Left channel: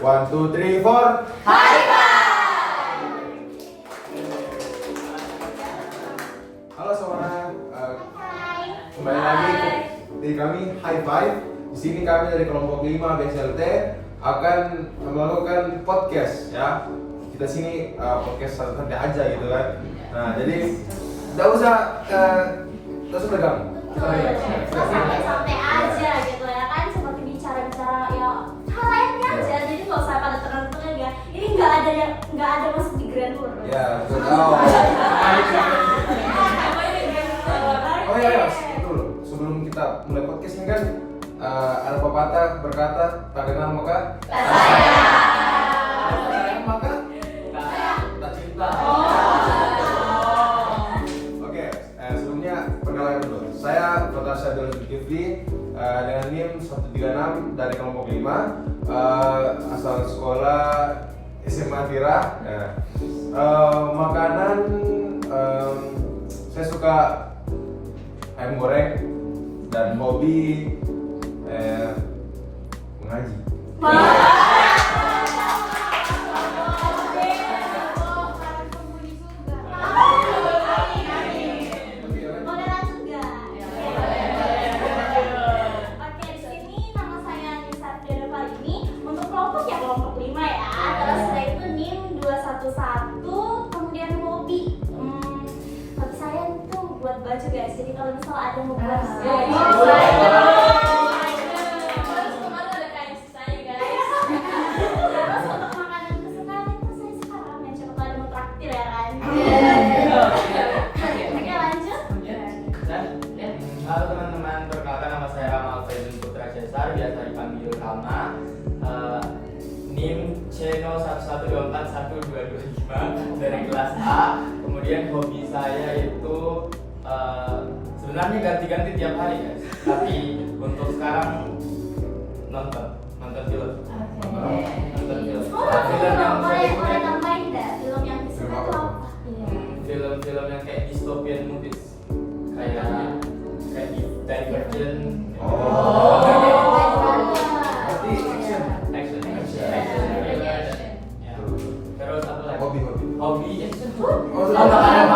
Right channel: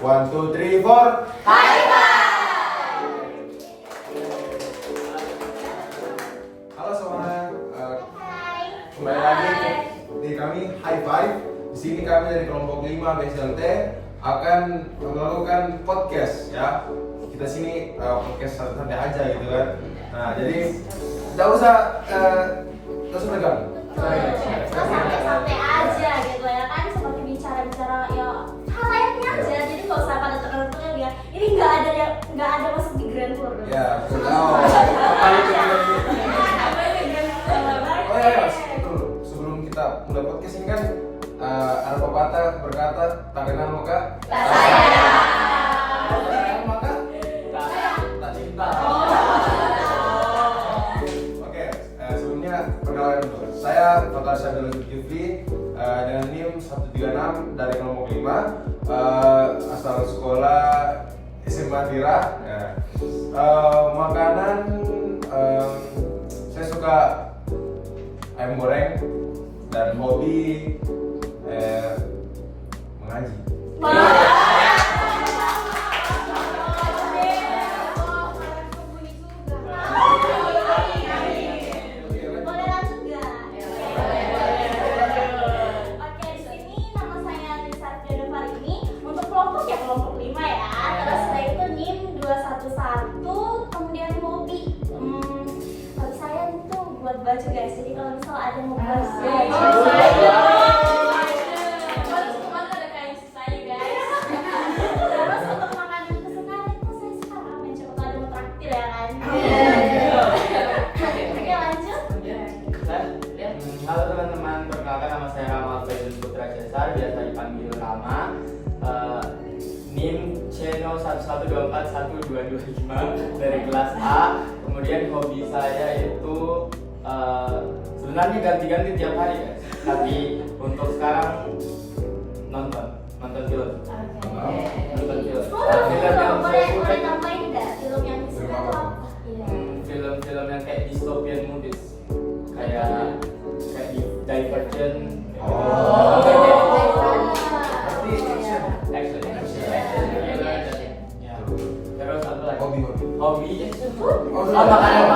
1, 2, 3, 4. High five! Halo semuanya, kembali lagi di kami High Five. Di sini kami dari kelompok 5 BSLT akan melakukan podcast ya. Kita sini podcast santai aja gitu kan. Nah jadi nggak usah tegang. Santai aja gitu ya kan, seperti bicara-bicara ya halayaknya aja, jadi nggak usah pada tegang ya. Ini nggak ada masuk di grand tour. Ya, oh ya, betul. Sebelum kita mulai podcast ini kan ada pepatah berkata tak kenal maka tak sayang maka tak cinta. Oke, sebelumnya perkenalan dulu. Saya Fathar Syabdul Zulkifli dengan NIM 136 dari kelompok 5, asal sekolah SMA Tira. Makanan saya suka ayam goreng dan hobi mengaji. Modelan juga. Oke, di sini nama saya Nisa Firdausa ini untuk kelompok ya kelompok 5 ya. Terus setelah itu NIM 211, kemudian hobi. Hobi saya itu buat baju guys. Jadi kalau misalnya ada mau buat Terus untuk makanan kesukaan itu saya suka ramen. Coba kalau ada mau traktir ya kan. Oke, lanjut. Halo teman-teman, perkenalkan nama saya Rama Faizul Putra Cesar, biasa dipanggil Rama. NIM channel 1124125 dari kelas A. Kemudian hobi saya itu sebenarnya ganti-ganti tiap hari guys. Tapi untuk sekarang nonton film. Nonton film. Boleh nambahin nggak film yang disuka itu apa? Film-film yang kayak dystopian movies, kayak Divergent. Berarti action. Action. Ya. Terus satu lagi. Hobi. Oh, Makanan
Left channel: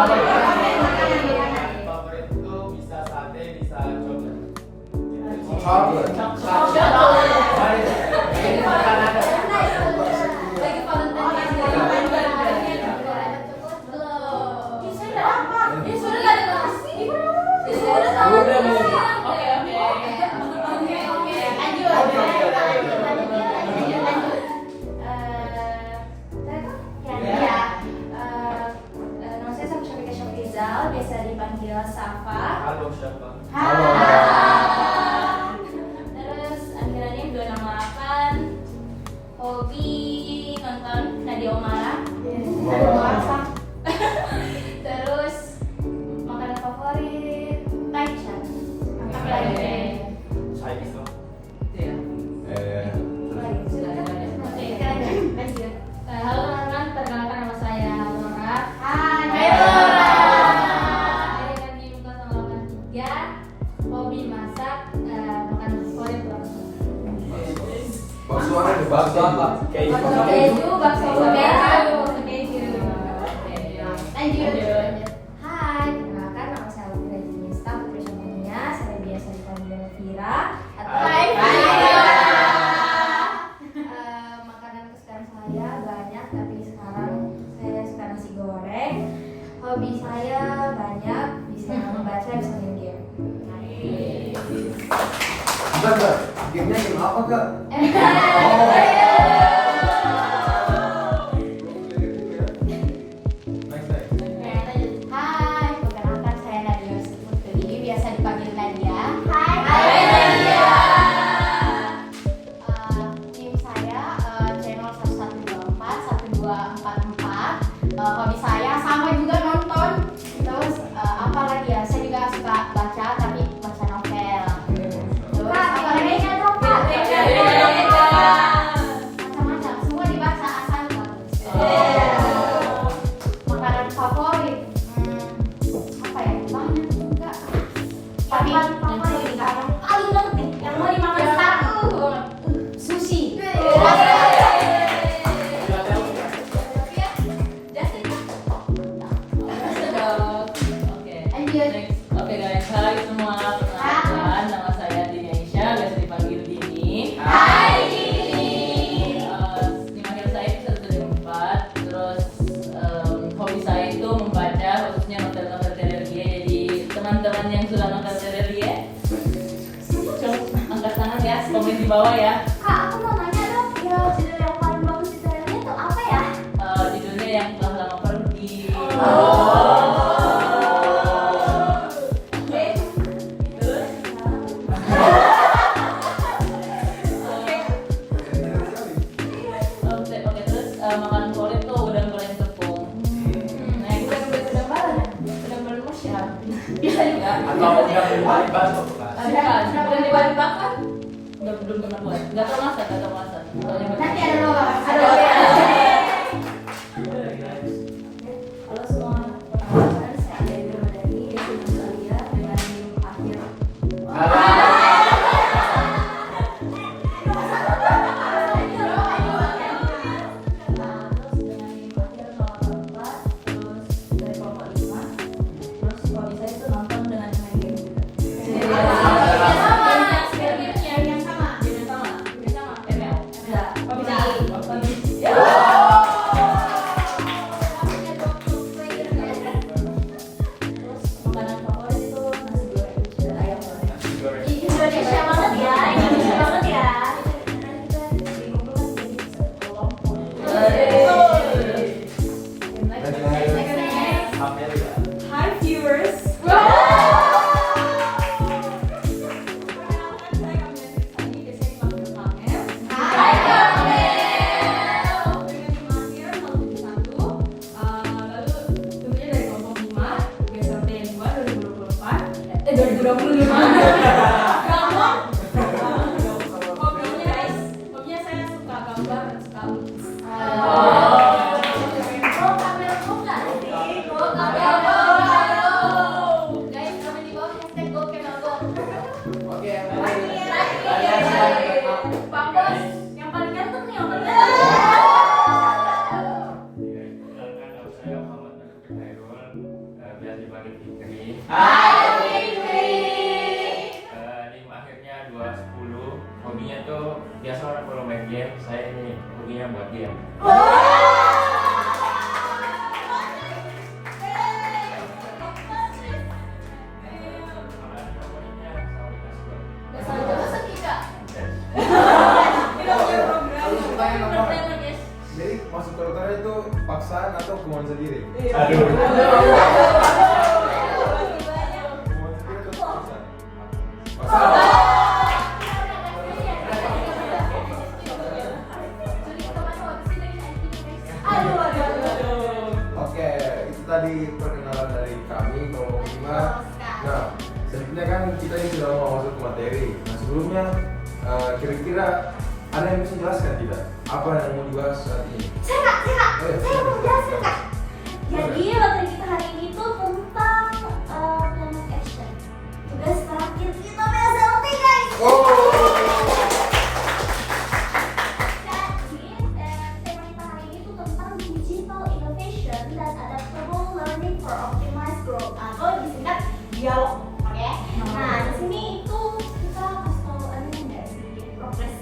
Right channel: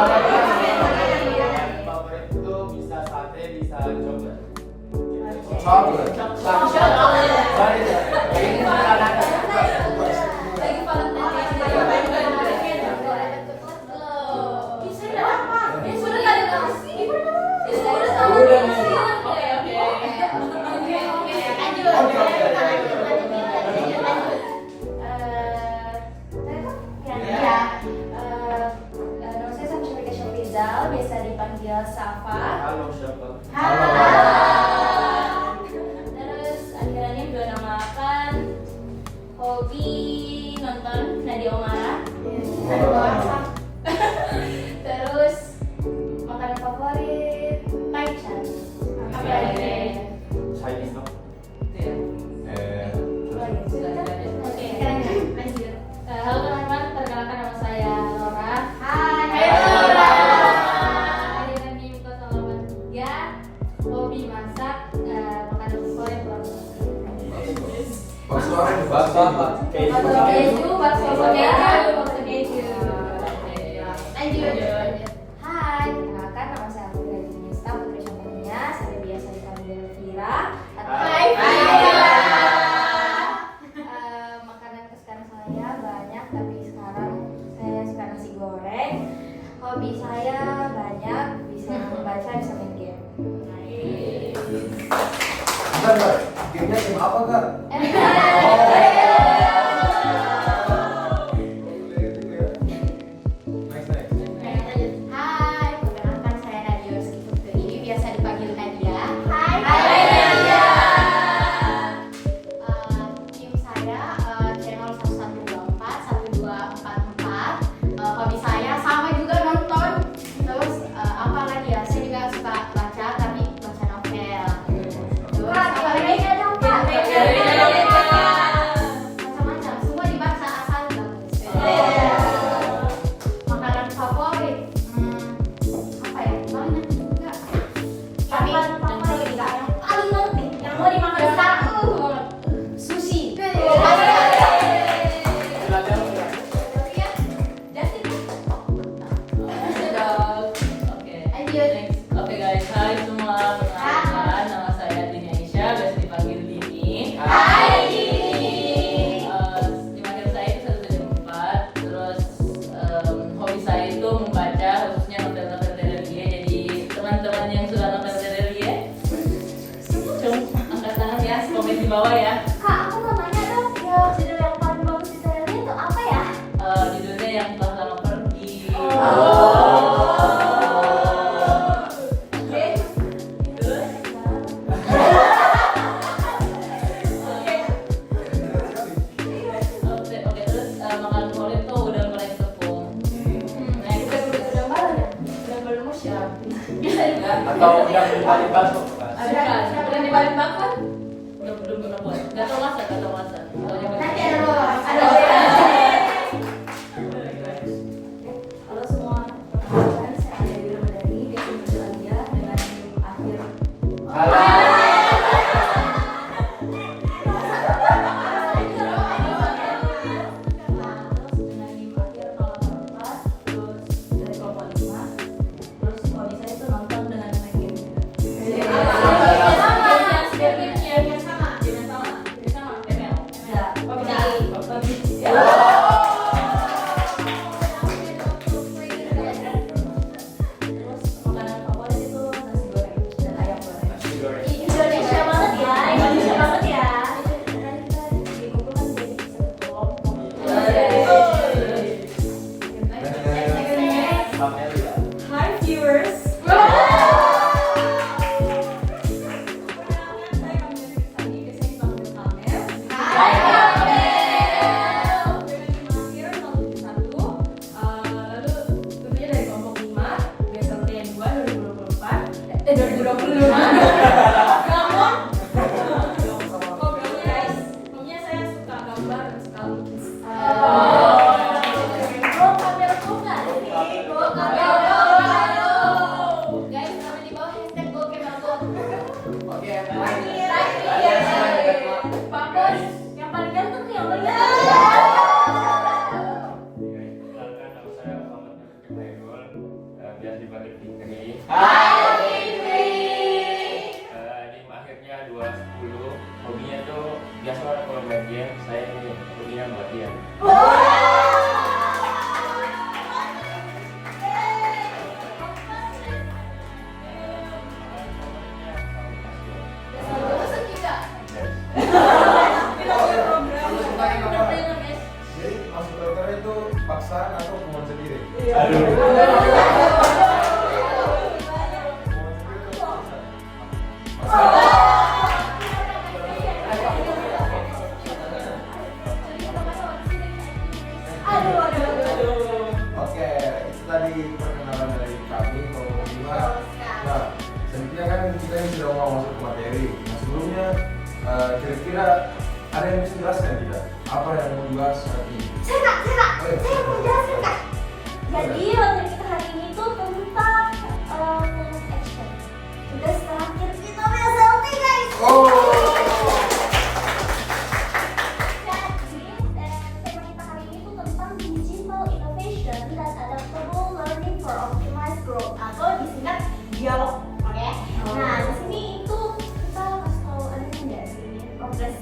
favorit itu bisa sate, bisa coklat. Biasa dipanggil Safa. Halo siapa? Terus akhirnya 268, hobi nonton Nadia Omara. Terus makanan favorit Taichan. Chinese no? Halo teman-teman, perkenalkan nama saya Laura. Hai. Hobi masak, makanan favorit Bakso keju, bakso keju. Lanjut. Hai, perkenalkan nama saya Alvira Jinista, putri contohnya. Saya biasa dipanggil Vira atau makanan kesukaan saya banyak, tapi sekarang saya suka nasi goreng. Hobi saya banyak, bisa membaca, bisa main game. Bentar, gamenya game apa kak? Hai, perkenalkan saya Nadia Rizky Putri, biasa dipanggil Nadia. Hai Nadia. Tim saya channel 114, 1244. Hobi saya sama juga nonton. Terus apa lagi ya? Saya juga suka baca, tapi baca novel. Terus apa lagi? kelompok yang paling bagus. Udah dibalik bakar? Belum pernah buat. Nggak tahu masak. Nanti ada halo semua teman-teman, saya Alia Madani dari Alia dengan NIM akhir. Indonesia banget ya, Indonesia banget ya. Hi viewers. Hobinya saya suka gambar dan suka lukis. Oh, kamera kok nggak sih? Oh, kamera. Guys, kami di bawah hashtag go kamera go. Oke, Pak Bos, yang paling ganteng nih, yang paling ganteng. Kenalkan nama saya Muhammad Hairul, biasa dipanggil Fikri. NIM akhirnya 210. Hobinya tuh biasa kalau main game, saya ini hobinya buat dia. Jadi masuk kedokteran itu paksaan atau kemauan sendiri? Aduh. Oke, itu tadi perkenalan dari kami kelompok 5. Nah, sebenarnya kan kita ini sudah mau masuk ke materi. Nah, sebelumnya kira-kira ada yang bisa jelaskan tidak? Apa yang mau dibahas saat ini? Saya mau jelasin kak. Jadi materi kita hari ini tuh tentang climate action. Tugas terakhir kita BSLT guys. Oh. Jadi tema kita hari ini tuh tentang digital innovation dan adaptable learning for optimized growth atau disingkat dialog. Oke. Nah di sini itu kita kasih tahu ada nggak sih progres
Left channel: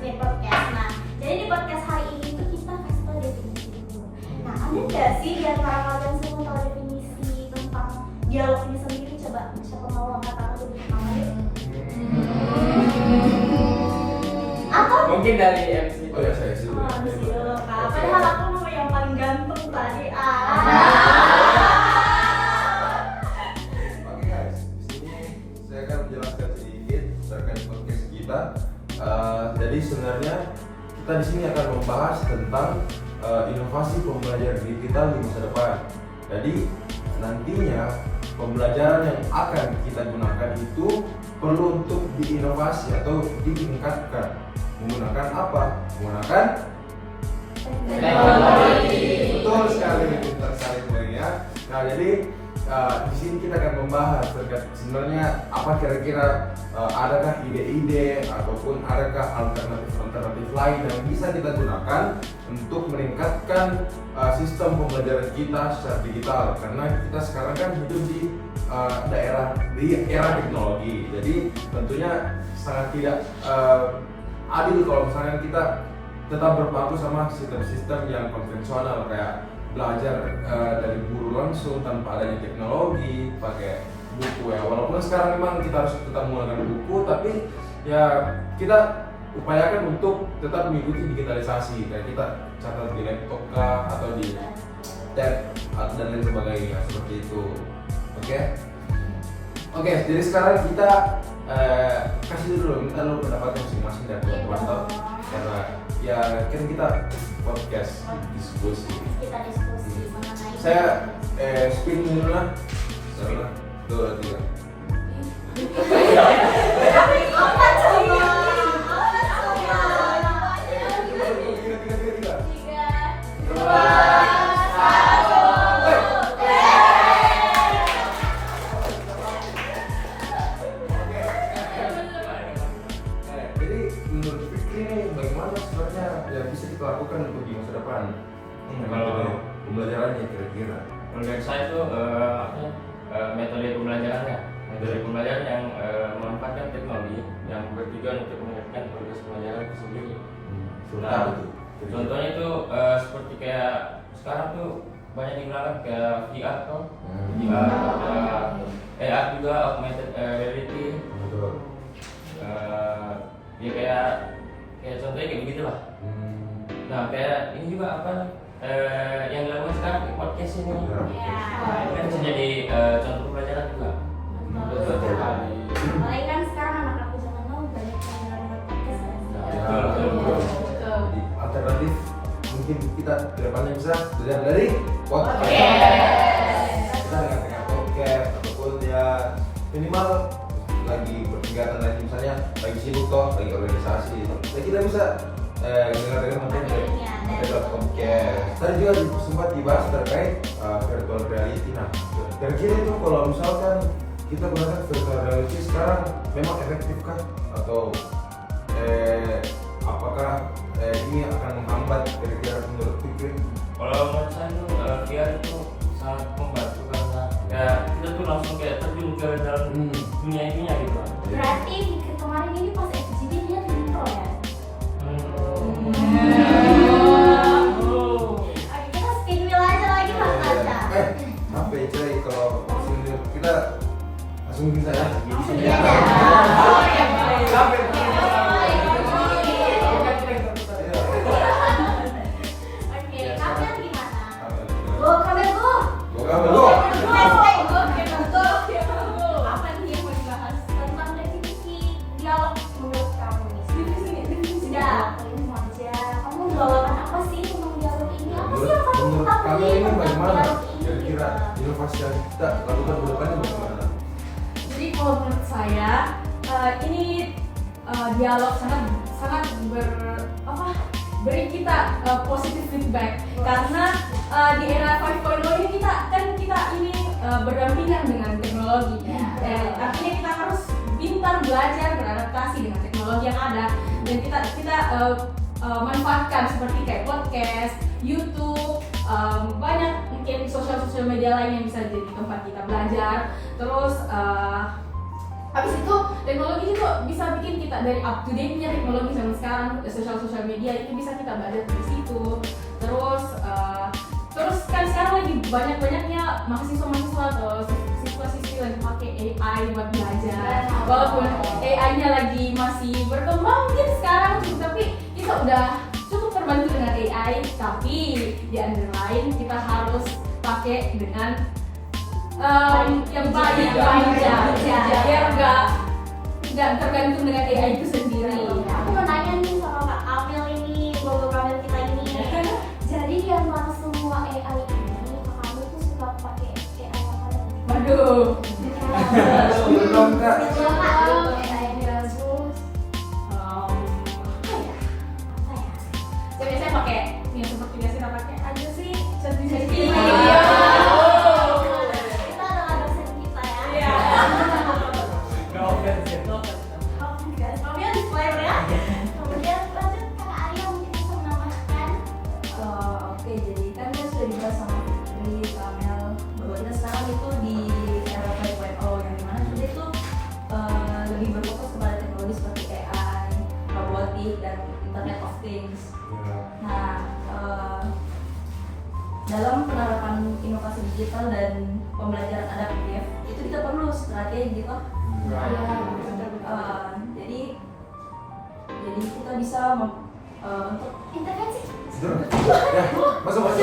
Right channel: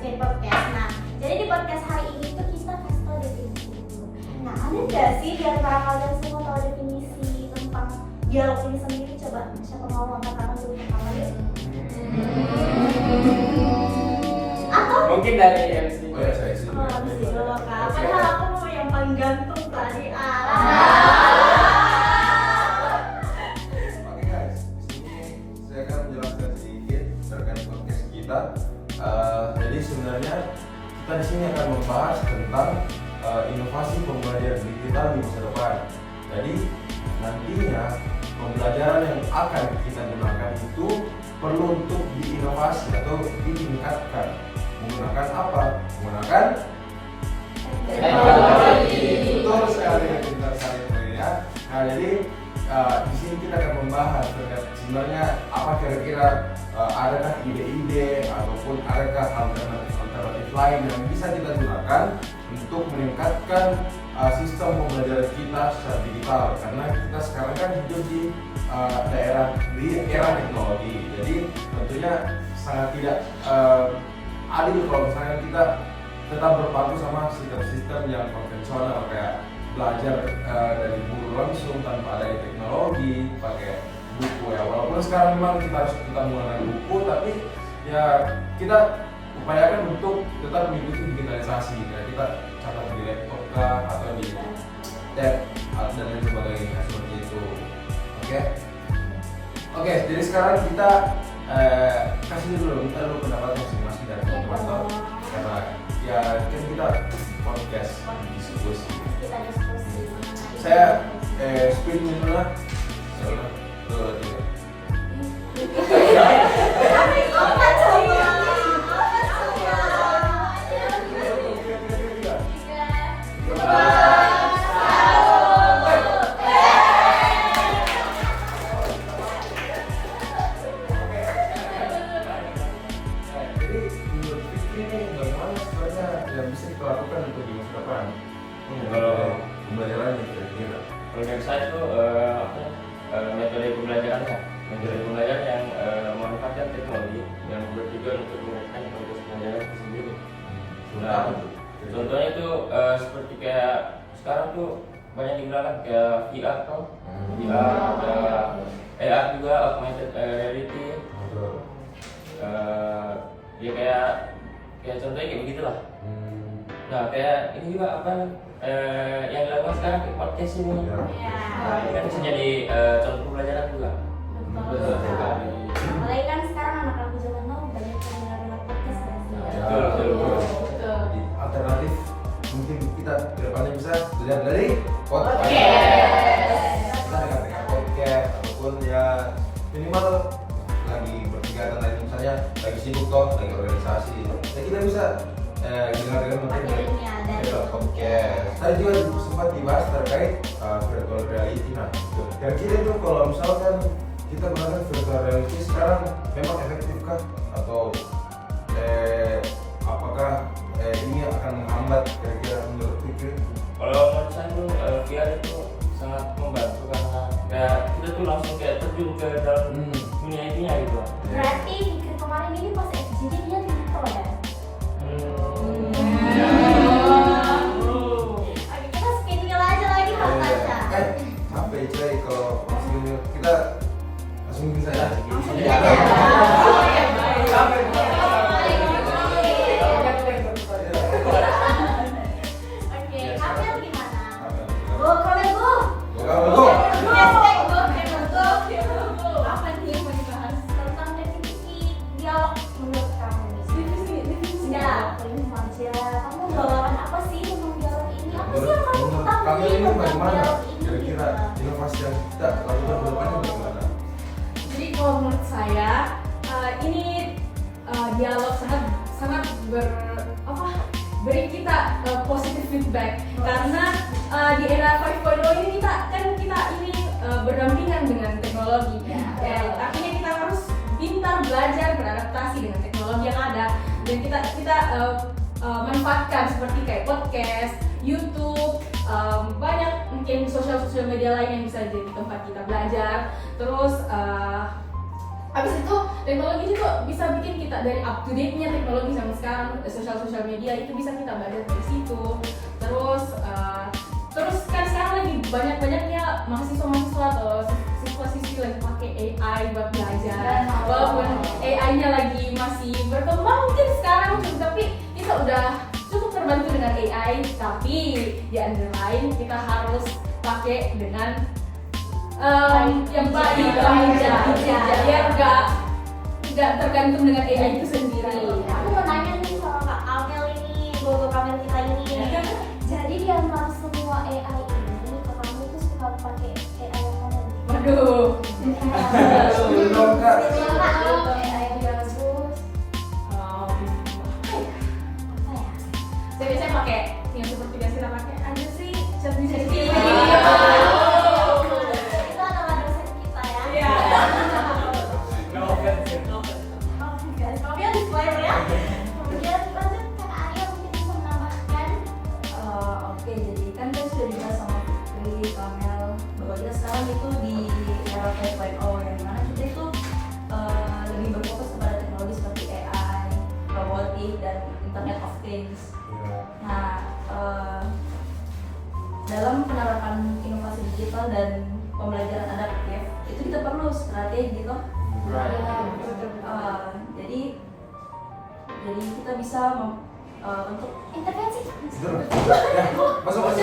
di podcast. Nah jadi di podcast hari ini tuh kita kasih tahu definisi dulu. Nah ada nggak sih di antara kalian semua tahu definisi tentang dialog ini sendiri? Coba siapa mau angkat tangan dulu pertama deh. Atau Mungkin dari MC. Oh ya, saya dulu. oh, di sini dulu kak. Padahal aku mau yang paling ganteng tadi. Oke guys, di sini saya akan menjelaskan sedikit terkait podcast kita. Jadi sebenarnya kita di sini akan membahas tentang inovasi pembelajaran digital di masa depan. Jadi nantinya pembelajaran yang akan kita gunakan itu perlu untuk diinovasi atau ditingkatkan. Menggunakan apa? Menggunakan Teknologi. betul sekali, pintar sekali poinnya. Nah jadi di sini kita akan membahas terkait sebenarnya apa kira-kira adakah ide-ide ataupun adakah alternatif lain yang bisa kita gunakan untuk meningkatkan sistem pembelajaran kita secara digital, karena kita sekarang kan hidup di era teknologi. Jadi tentunya sangat tidak adil kalau misalnya kita tetap berpaku sama sistem-sistem yang konvensional kayak belajar dari guru langsung tanpa adanya teknologi, pakai buku ya. Walaupun sekarang memang kita harus tetap menggunakan buku, tapi ya kita upayakan untuk tetap mengikuti digitalisasi. Kayak kita catat di laptop kah atau di tab dan lain sebagainya seperti itu. Oke, jadi sekarang kita kasih dulu minta lu pendapatnya masing-masing dari teman-teman, karena ya kan kita podcast diskusi. Kita diskusi mengenai Saya speed dulu lah. 2, 3. Apa coba? Jadi menurut Fikri ini bagaimana sebenarnya yang bisa kita lakukan untuk di masa depan? Pembelajarannya kira-kira. Kalau dari saya itu metode pembelajaran ya, metode pembelajaran yang memanfaatkan teknologi yang bertujuan untuk memberikan proses pelajaran itu sendiri. Apa tuh? Contohnya itu seperti kayak sekarang tuh banyak digunakan kayak VR kan, VR, ada AR juga, augmented reality. Ya kayak contohnya kayak begitulah. Nah kayak ini juga apa yang dilakukan sekarang kayak podcast ini. Ini kan bisa jadi contoh pelajaran juga. Betul. Apalagi kan sekarang anak-anak zaman now banyak yang dengar podcast ya. Betul. Jadi alternatif mungkin kita ke depannya bisa belajar dari podcast. Kita dengan podcast ataupun ya minimal lagi berkegiatan lagi misalnya lagi sibuk toh lagi organisasi, ya kita bisa dengar materi dari podcast. Tadi juga sempat dibahas terkait virtual reality. Nah, kira-kira itu kalau misalkan kita gunakan virtual reality sekarang memang efektifkah atau apakah ini akan menghambat kira-kira menurut Fikri? Kalau menurut saya itu VR itu sangat membantu karena ya kita tuh langsung kayak terjun ke dalam dunia ininya gitu. Berarti kemarin ini pas FGD dia intro ya. Oke, kita spin wheel aja lagi Mas Tasya. Sampai coy kalau langsung kita langsung bisa ya. Langsung aja. Oke, Kamil gimana? Oh, Kamil Bu. Apa nih yang mau dibahas tentang definisi dialog menurut kamu? Ya, paling aja. Kamu membawakan apa sih tentang dialog ini? Apa sih yang kamu Menurut ketahui kami ini tentang bagaimana? dialog ini? Kira-kira inovasi yang kita lakukan ke depannya bagaimana? Jadi kalau menurut saya ini dialog sangat beri kita positive feedback karena di era 5.0 ini kita ini berdampingan dengan teknologi. Artinya kita harus pintar belajar beradaptasi dengan teknologi yang ada dan kita manfaatkan seperti kayak podcast, YouTube, banyak mungkin sosial media lain yang bisa jadi tempat kita belajar. Terus habis itu teknologi itu bisa bikin kita dari up to date-nya teknologi zaman sekarang, sosial media itu bisa kita belajar di situ. Terus kan sekarang lagi banyak-banyaknya mahasiswa atau siswa-siswi lagi pakai AI buat belajar. Walaupun AI-nya lagi masih berkembang mungkin sekarang, tapi kita udah cukup terbantu dengan AI. Tapi di antara lain kita harus pakai dengan yang baik aja, biar nggak tergantung dengan AI itu sendiri. Aku mau nanya nih soal Kak Kamil ini, Bobo Kamil kita ini. Jadi di antara semua AI ini, Kak Kamil tuh suka pakai AI yang mana? Waduh. Belum Kak. AI yang bagus. Saya biasanya pakai yang seperti biasa kita pakai aja sih, sendiri. Itu adalah dosen kita ya. Kemudian disclaimer ya. Kemudian lanjut Kak Arya mungkin bisa menambahkan. Oke, jadi kan sudah dibahas sama ini Kamel bahwa kita sekarang itu di era 5.0 yang dimana kita itu lebih berfokus kepada teknologi seperti AI, robotik, dan Internet of Things. Nah, dalam penerapan inovasi digital dan pembelajaran adaptif itu kita perlu strategi gitu. Jadi kita bisa untuk Intervensi. Ya, masuk.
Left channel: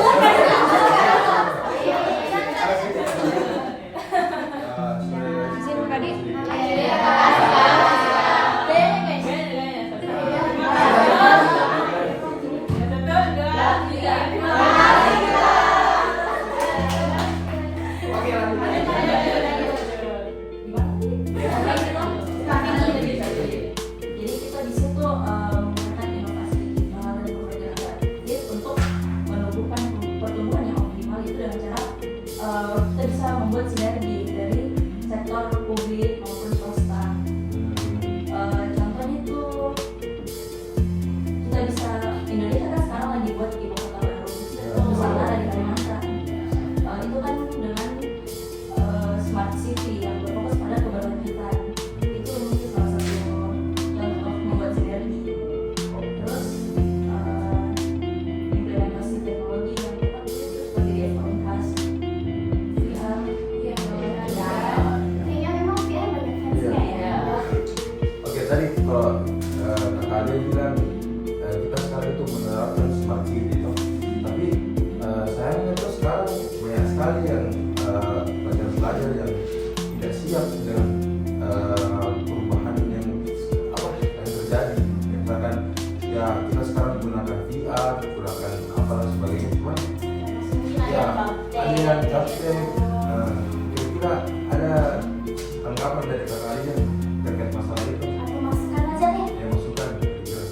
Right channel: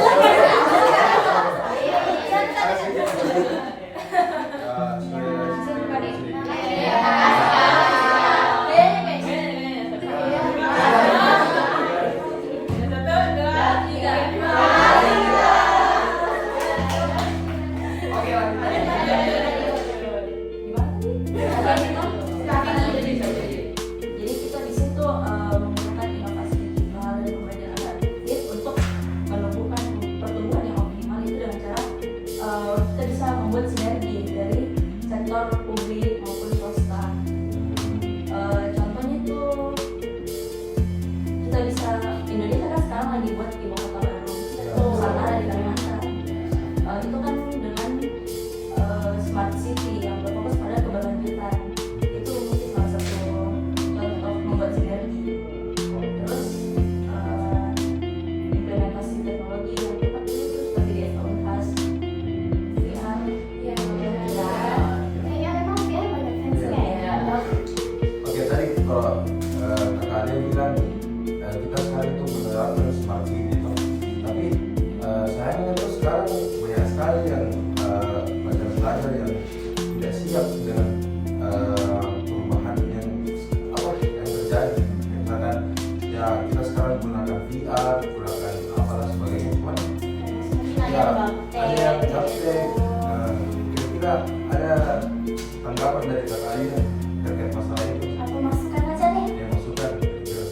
kalian capek. Nah, kira-kira ada tanggapan dari kalian terkait masalah itu? Aku masukkan aja nih. Yang masukan kira-kira?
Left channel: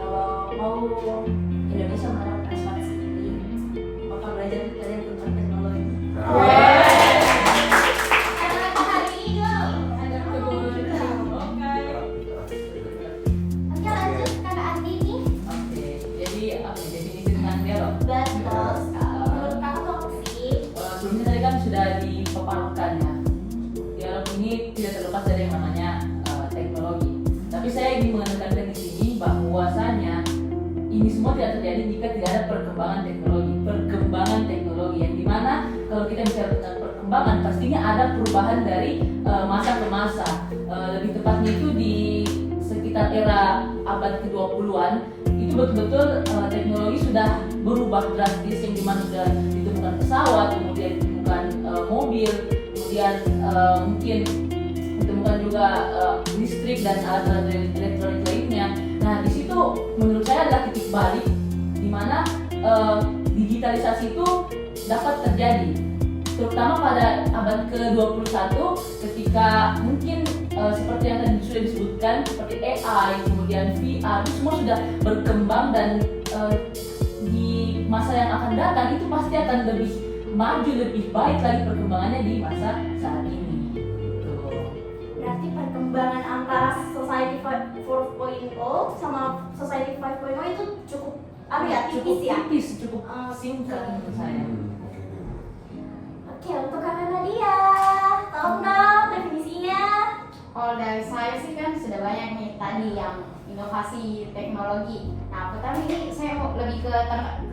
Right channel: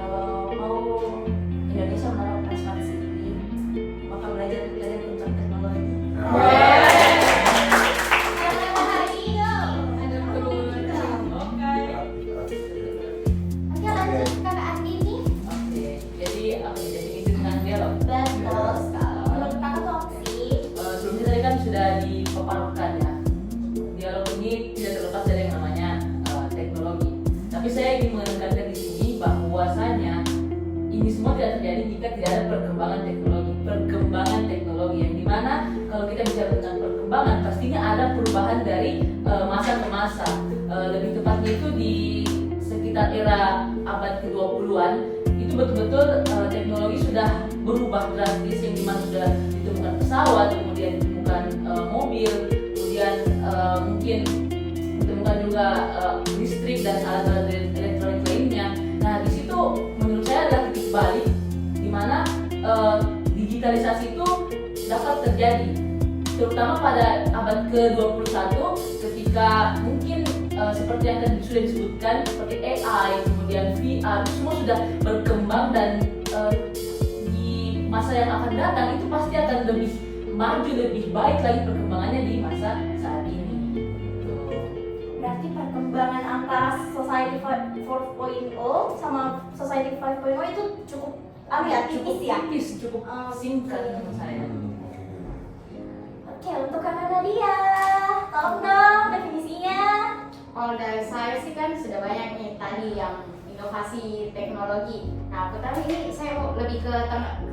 Kalau mau Indonesia menerapkan smart city, maka belajar dari tentang teknologi. Nah, Karena hari ini dong. Oke lanjut kakak Andi nih. Oke, jadi definisi tentang dialog. Betul sekali. Menurut kakak tuh apa sih? Sebelumnya tadi kan sudah dipaparkan ya. Dialog ini tidak terlepas dari yang namanya teknologi. Tapi saya ingin menekankan di sini bahwasanya ini semua tidak terjadi jika tidak ada perkembangan teknologi. Perkembangan teknologi yang dimana kalau kita bicara tentang perkembangan pastinya ada perubahan dari masa ke masa. Lebih tepatnya itu di sekitar era abad ke-20-an itu betul-betul teknologi sudah berubah drastis yang dimana sudah ditemukan pesawat, kemudian ditemukan mobil, kemudian mungkin ditemukan juga listrik dan alat-alat elektronik lainnya. Nah di situ menurut saya adalah titik balik di mana digitalisasi itu dapat terjadi, terutama pada abad ke-21 ketika mungkin seperti yang tadi sudah disebutkan seperti AI, kemudian VR itu semua sudah berkembang dan di masa yang akan datang itu pasti akan lebih maju, lebih baik lagi perkembangannya di masa saat ini. Berarti perkembangan antara Society 4.0 sama Society 5.0 itu cukup tipis ya? Tipis, cukup singkat menurut saya. Oke. Oke, untuk kakak Nadia, tolong dong definisinya. Kalau dari saya sih kan sudah banyak nih tadi yang inovasi teknologi. Nah, pertama ini saya mau lebih ke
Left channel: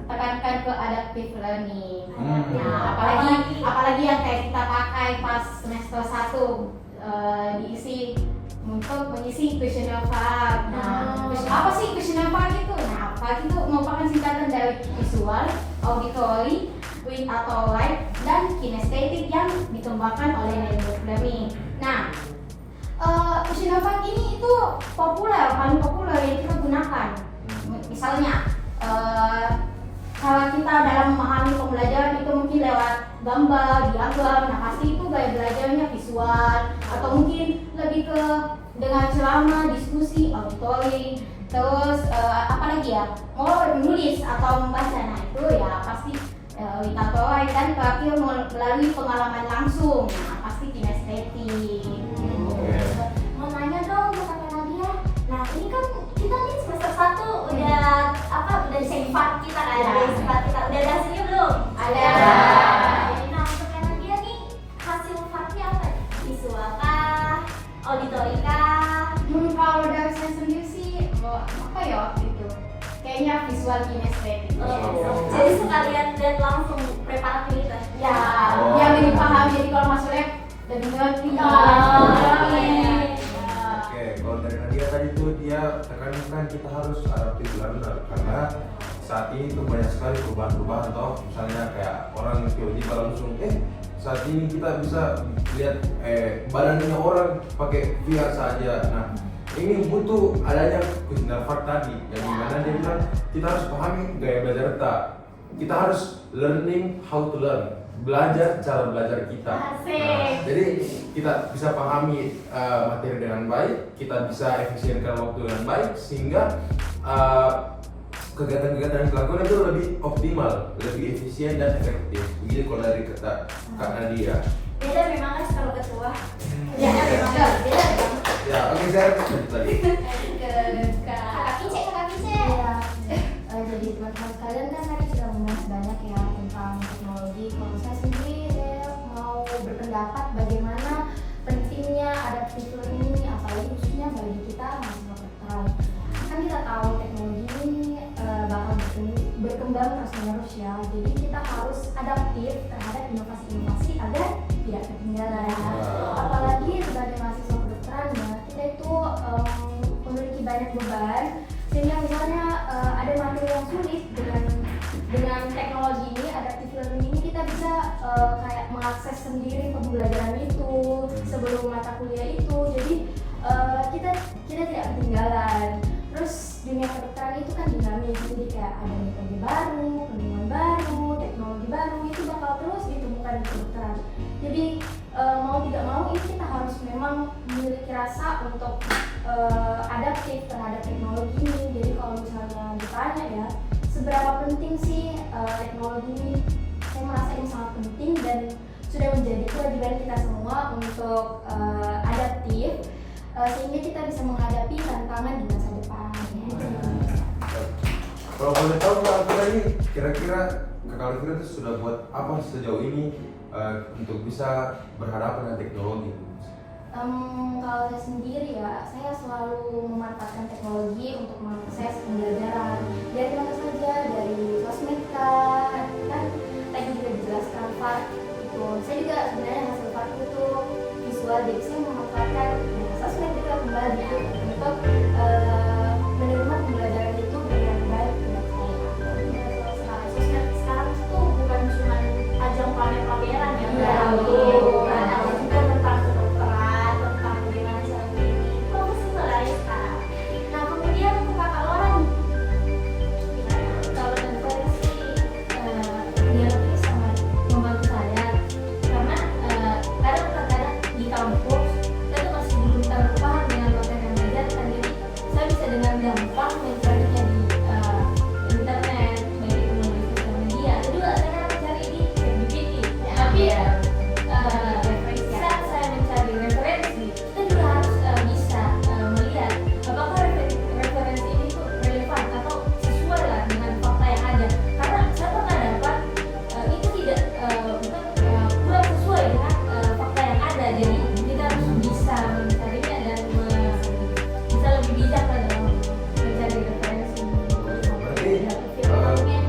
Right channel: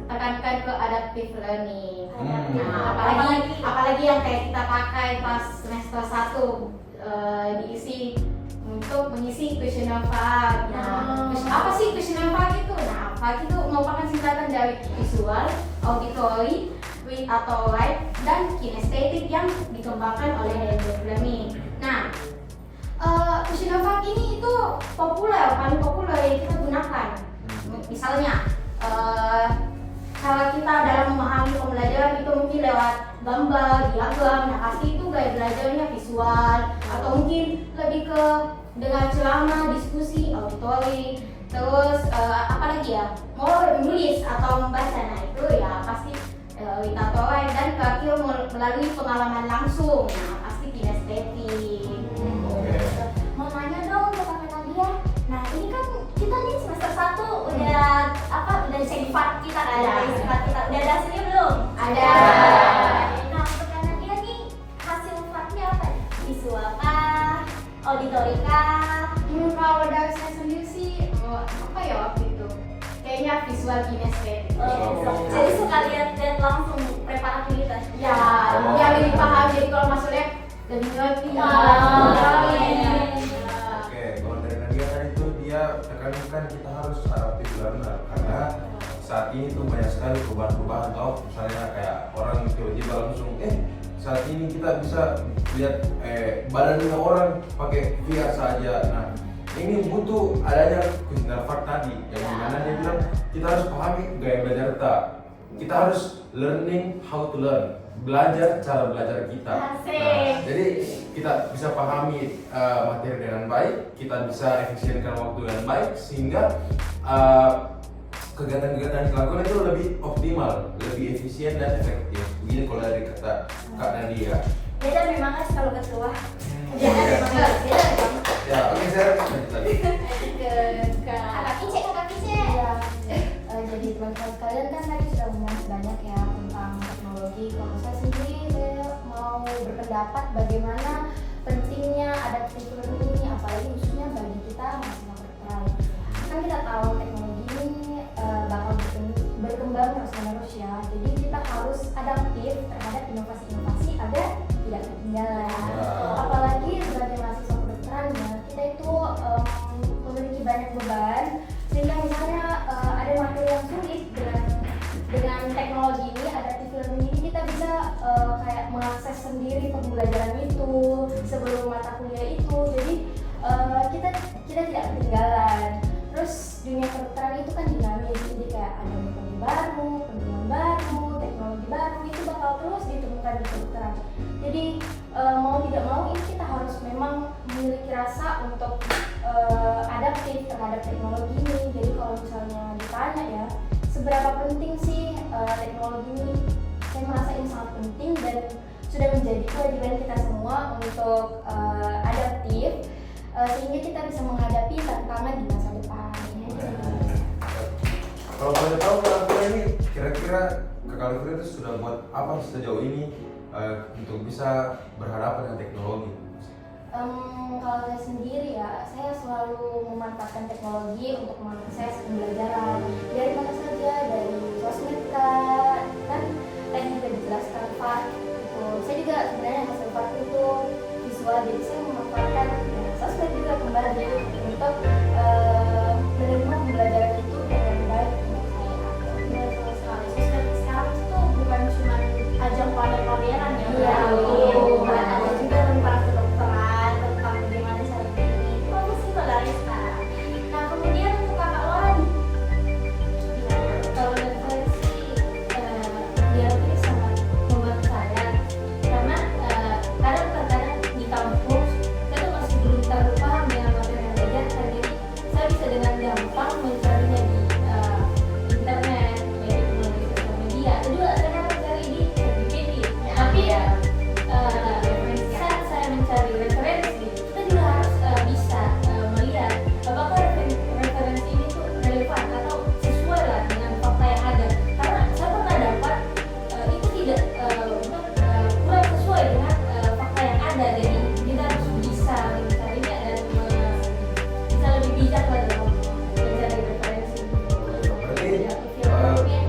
tekankan ke adaptive learning. Nah, apalagi yang kayak kita pakai pas semester 1 diisi untuk mengisi questionnaire VAR. Nah, apa sih questionnaire VAR itu? Nah, VAR itu merupakan singkatan dari visual, auditory, read atau write, dan kinestetik yang dikembangkan oleh adaptive learning. Nah, questionnaire VAR ini itu paling populer yang kita gunakan. Misalnya, cara kita dalam memahami pembelajaran itu mungkin lewat gambar, diagram. Nah pasti itu gaya belajarnya visual, atau mungkin lebih ke dengan ceramah, diskusi, auditory. Terus apa lagi ya? Mau menulis atau membaca. Nah itu ya pasti witatorai, dan terakhir melalui pengalaman langsung. Nah pasti kinestetik. Mau nanya dong ke kakak Nadia. Nah ini kan kita nih semester 1 udah cek part kita kan, dari part kita udah ada hasilnya belum? Ada. Nah untuk kakak Nadia nih hasil partnya apa? Visual kah? Auditory kah? Kalau dari saya sendiri sih apa ya waktu itu? Kayaknya visual kinestetik. Jadi sekalian dan langsung preparativitas. Ya, yang lebih paham jadi kalau masuk lab lebih ngerti. Oke, kalau dari Nadia tadi tuh dia tekankan kita harus adaptive learner karena saat ini tuh banyak sekali perubahan-perubahan toh, misalnya kayak orang tiba-tiba langsung saat ini kita bisa lihat badannya orang pakai VR saja. Nah ini butuh adanya questionnaire VAR tadi yang dimana dia bilang kita harus pahami gaya belajar kita harus learning how to learn, belajar cara belajar kita. Nah, jadi kita bisa pahami materi dengan baik, kita bisa efisienkan waktu dengan baik sehingga kegiatan-kegiatan yang dilakukan itu lebih optimal, lebih efisien dan efektif. Begitu kalau dari kata Kak Nadia. Beda memang kan kalau ketua. Beda memang. Ya, oke saya tadi. Kakak Pice. Jadi teman-teman sekalian kan tadi sudah membahas banyak ya tentang teknologi. Kalau saya sendiri saya mau berpendapat bagaimana pentingnya adaptive learning ini, apalagi khususnya bagi kita mahasiswa kedokteran. Kan kita tahu teknologi ini bakal berkembang terus-menerus ya. Jadi kita harus adaptif terhadap inovasi-inovasi agar tidak ketinggalan. Apalagi sebagai mahasiswa kedokteran ya, kita itu memiliki banyak beban, sehingga misalnya ada materi yang sulit dengan teknologi ini, adaptive learning ini kita bisa kayak mengakses sendiri pembelajaran itu sebelum mata kuliah itu. Jadi kita tidak ketinggalan. Terus dunia kedokteran itu kan dinamis, jadi kayak ada metode baru, penelitian baru, terus ditemukan di kedokteran. Jadi mau tidak mau ini kita harus memang memiliki rasa untuk adaptif terhadap teknologi ini. Jadi kalau misalnya ditanya ya, seberapa penting sih teknologi ini? Saya merasa ini sangat penting dan sudah menjadi kewajiban kita semua untuk adaptif sehingga kita bisa menghadapi tantangan di masa depan. Kalau boleh tahu Kak Alvira ini kira-kira Kak Alvira itu sudah buat apa sejauh ini untuk bisa berhadapan dengan teknologi? Kalau saya sendiri ya, saya selalu memanfaatkan teknologi untuk mengakses pembelajaran dari mana saja, dari sosmed kan tadi juga dijelaskan Pak itu. Saya juga sebenarnya hasil Pak itu visual, jadi saya memanfaatkan sosmed juga kembali untuk menerima pembelajaran itu dengan baik menurut saya. Sosmed sekarang itu bukan cuma ajang pamer-pameran ya, bukan, atau juga tentang kedokteran, tentang bagaimana cara klinik. Bagus sih sebenarnya sekarang. Nah kemudian untuk kakak Laura nih, Kalau dari saya sih dia itu sangat membantu saya karena kadang-kadang di kampus saya tuh masih belum terlalu paham dengan materi yang diajarkan, jadi saya bisa dengan gampang mencarinya di internet, baik itu melalui sosial media atau juga saya kan mencari di ChatGPT. Tapi saat saya mencari referensi, kita juga harus bisa melihat apakah referensi ini tuh relevan atau sesuai lah dengan fakta yang ada. Karena saya pernah dapat itu tidak kurang sesuai dengan fakta yang ada. Jadi kita harus bisa mencarinya dan bisa lebih bijak lah dalam mencari referensi. Berarti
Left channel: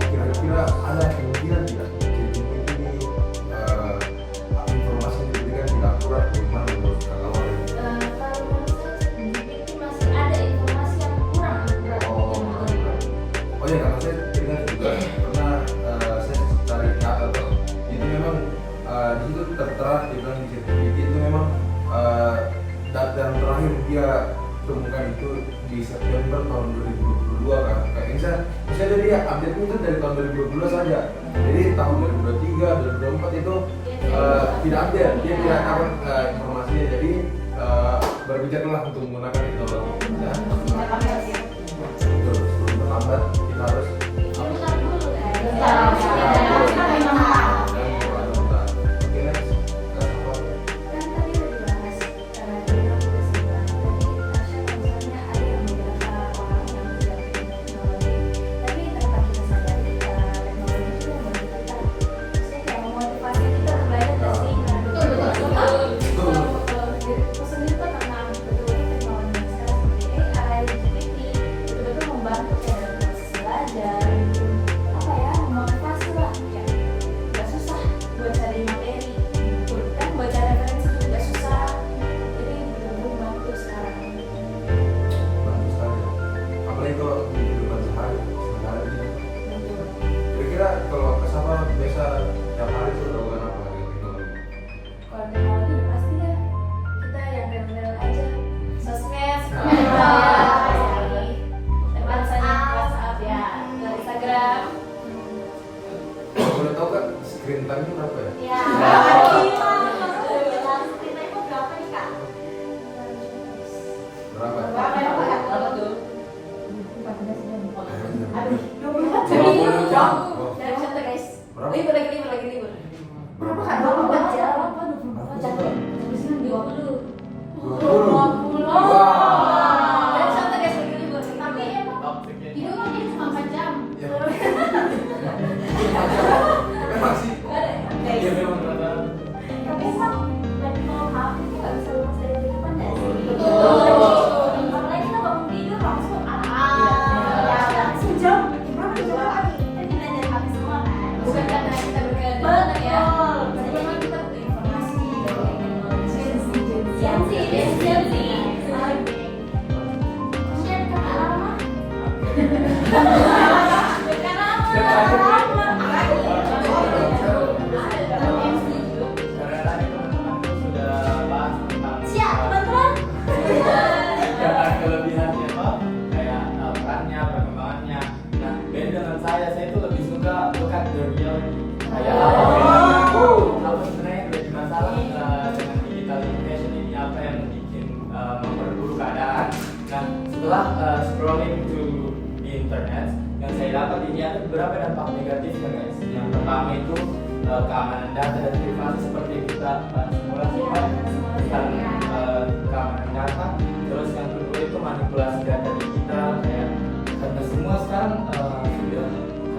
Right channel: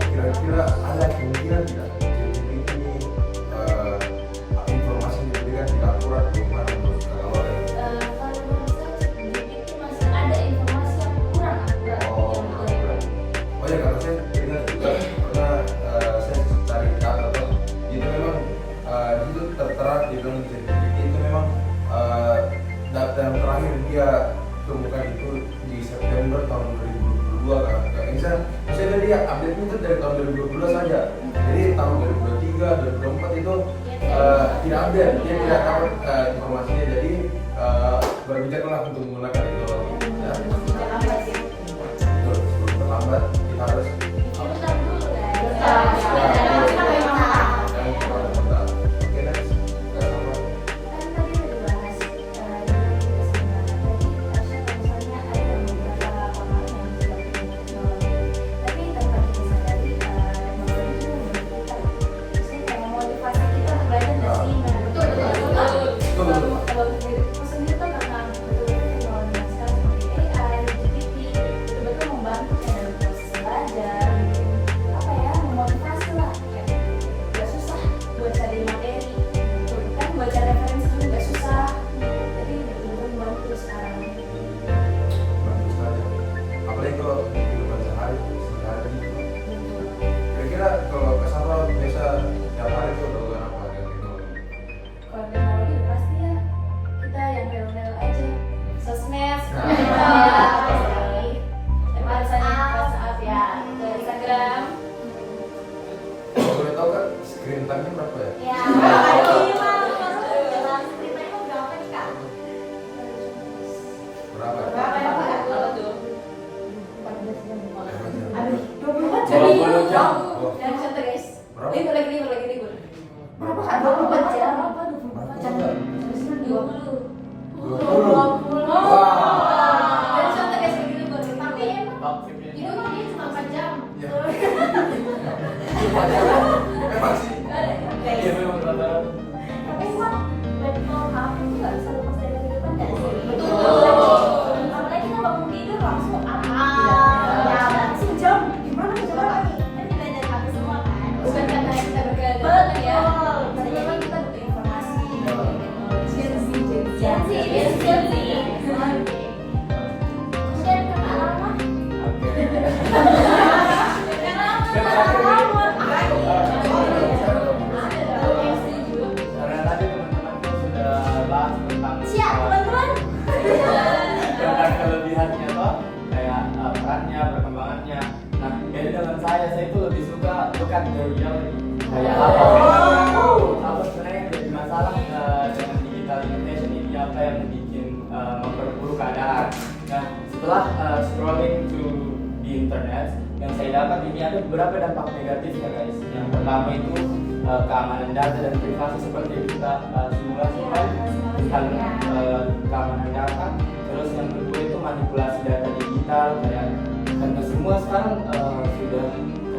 kira-kira ada kemungkinan tidak ChatGPT ini informasi yang diberikan tidak akurat? Bagaimana menurut Kak Alvira? Kalau menurut saya itu masih ada informasi yang kurang akurat. Oh ya, karena saya ingat juga pernah saya cari kata tuh itu memang di situ tertera di bilang di ChatGPT itu memang data yang terakhir dia temukan itu di September tahun 2022 kan. Misalnya dia update itu dari tahun 2022 saja. Jadi tahun 2023, 2024 itu tidak update, dia tidak tahu informasinya. Jadi berbijaklah untuk menggunakan teknologi. Ya. Betul, sebelum terlambat kita harus Bentar dulu ya. yang berkontak. Oke, next. Kak Safa. Kan tadi udah dibahas misalnya ada yang berbicara orang yang tidak teknologi, tapi tanpa disadari teknologi itu memberikan maksudnya kayak memotivasi kita untuk belajar nggak sih? Betul. Kalau menurutku sendiri tuh karena betul-betul teknologi sekarang seperti AI, GPT betul-betul membantu kita dalam proses belajar, apa ya, memotivasi lah, kayak nggak susah buat cari materi, kan buat cari referensi juga nggak susah, jadi betul-betul membantu sekarang. Bagus sekali. Apalagi kalau di kehidupan sehari-hari gitu. Kira-kira kalau Kak Safa biasa tiap hari itu melakukan apa dengan teknologi? Kalau teknologi pasti ya kita yang real-real aja, sosmed, WhatsApp ya, Instagram. Kalau boleh tahu Kak, screen time-nya berapa ya? ya lima ceritanya berapa nih kak? Berapa? Berapa tuh? 24 20 jam. Oh, Yang satu guys, berapa? libur lagi. Berapa? 24 jam. Berapa? 20. 20. Wah. Yang satu guys lagi libur. Tapi emang Topiknya. Di rumah ini cuma 4 jam. Ya. Memang sih. Iya memang rata-rata. tapi emang level HP itu nggak bisa lepas dari kehidupan nggak sih? Betul. Apalagi kita bangun tidur langsung Ya. sejam gimana coba nih? Kan dilihat dari HP semua kan? Bukan karena kita bergerak Betul ya. bisa jadi Kita butuh informasi. Sensi. Kemudian kakak Rama. Karena saya dapat ini ada beberapa dampak negatifnya guys. Yang pertama itu keamanan data dan privasi seperti kita simulasikan tentang keamanan data. Terus yang kedua itu manipulasi data digital, kayak karena semua sekarang sudah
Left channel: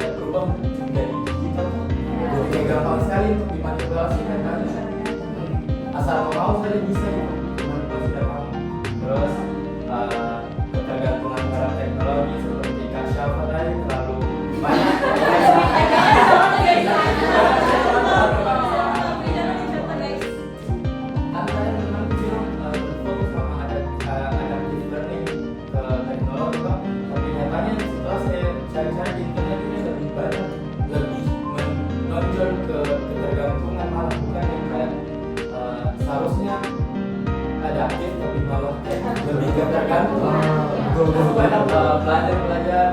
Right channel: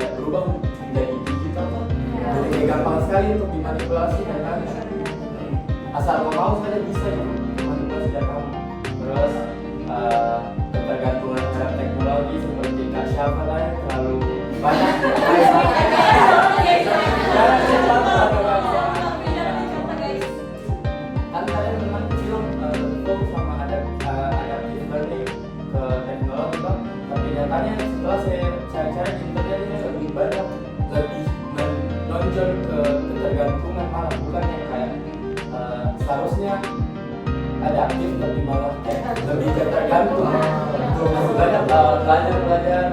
kayak berubah menjadi digital kan. Jadi gampang sekali untuk dimanipulasi kan kan. Asal kamu mau saja bisa gitu manipulasi data kamu. Terus ketergantungan terhadap teknologi seperti Kak Syafa tadi terlalu banyak. Kalian memang kecil fokus sama adaptive learning ke teknologi Pak. Tapi nyatanya setelah saya cari-cari di internet ini lebih banyak lebih menonjol ke ketergantungan, malah bukan yang kayak seharusnya adaptif tapi malah kayak lebih ketergantung. Banyak belajar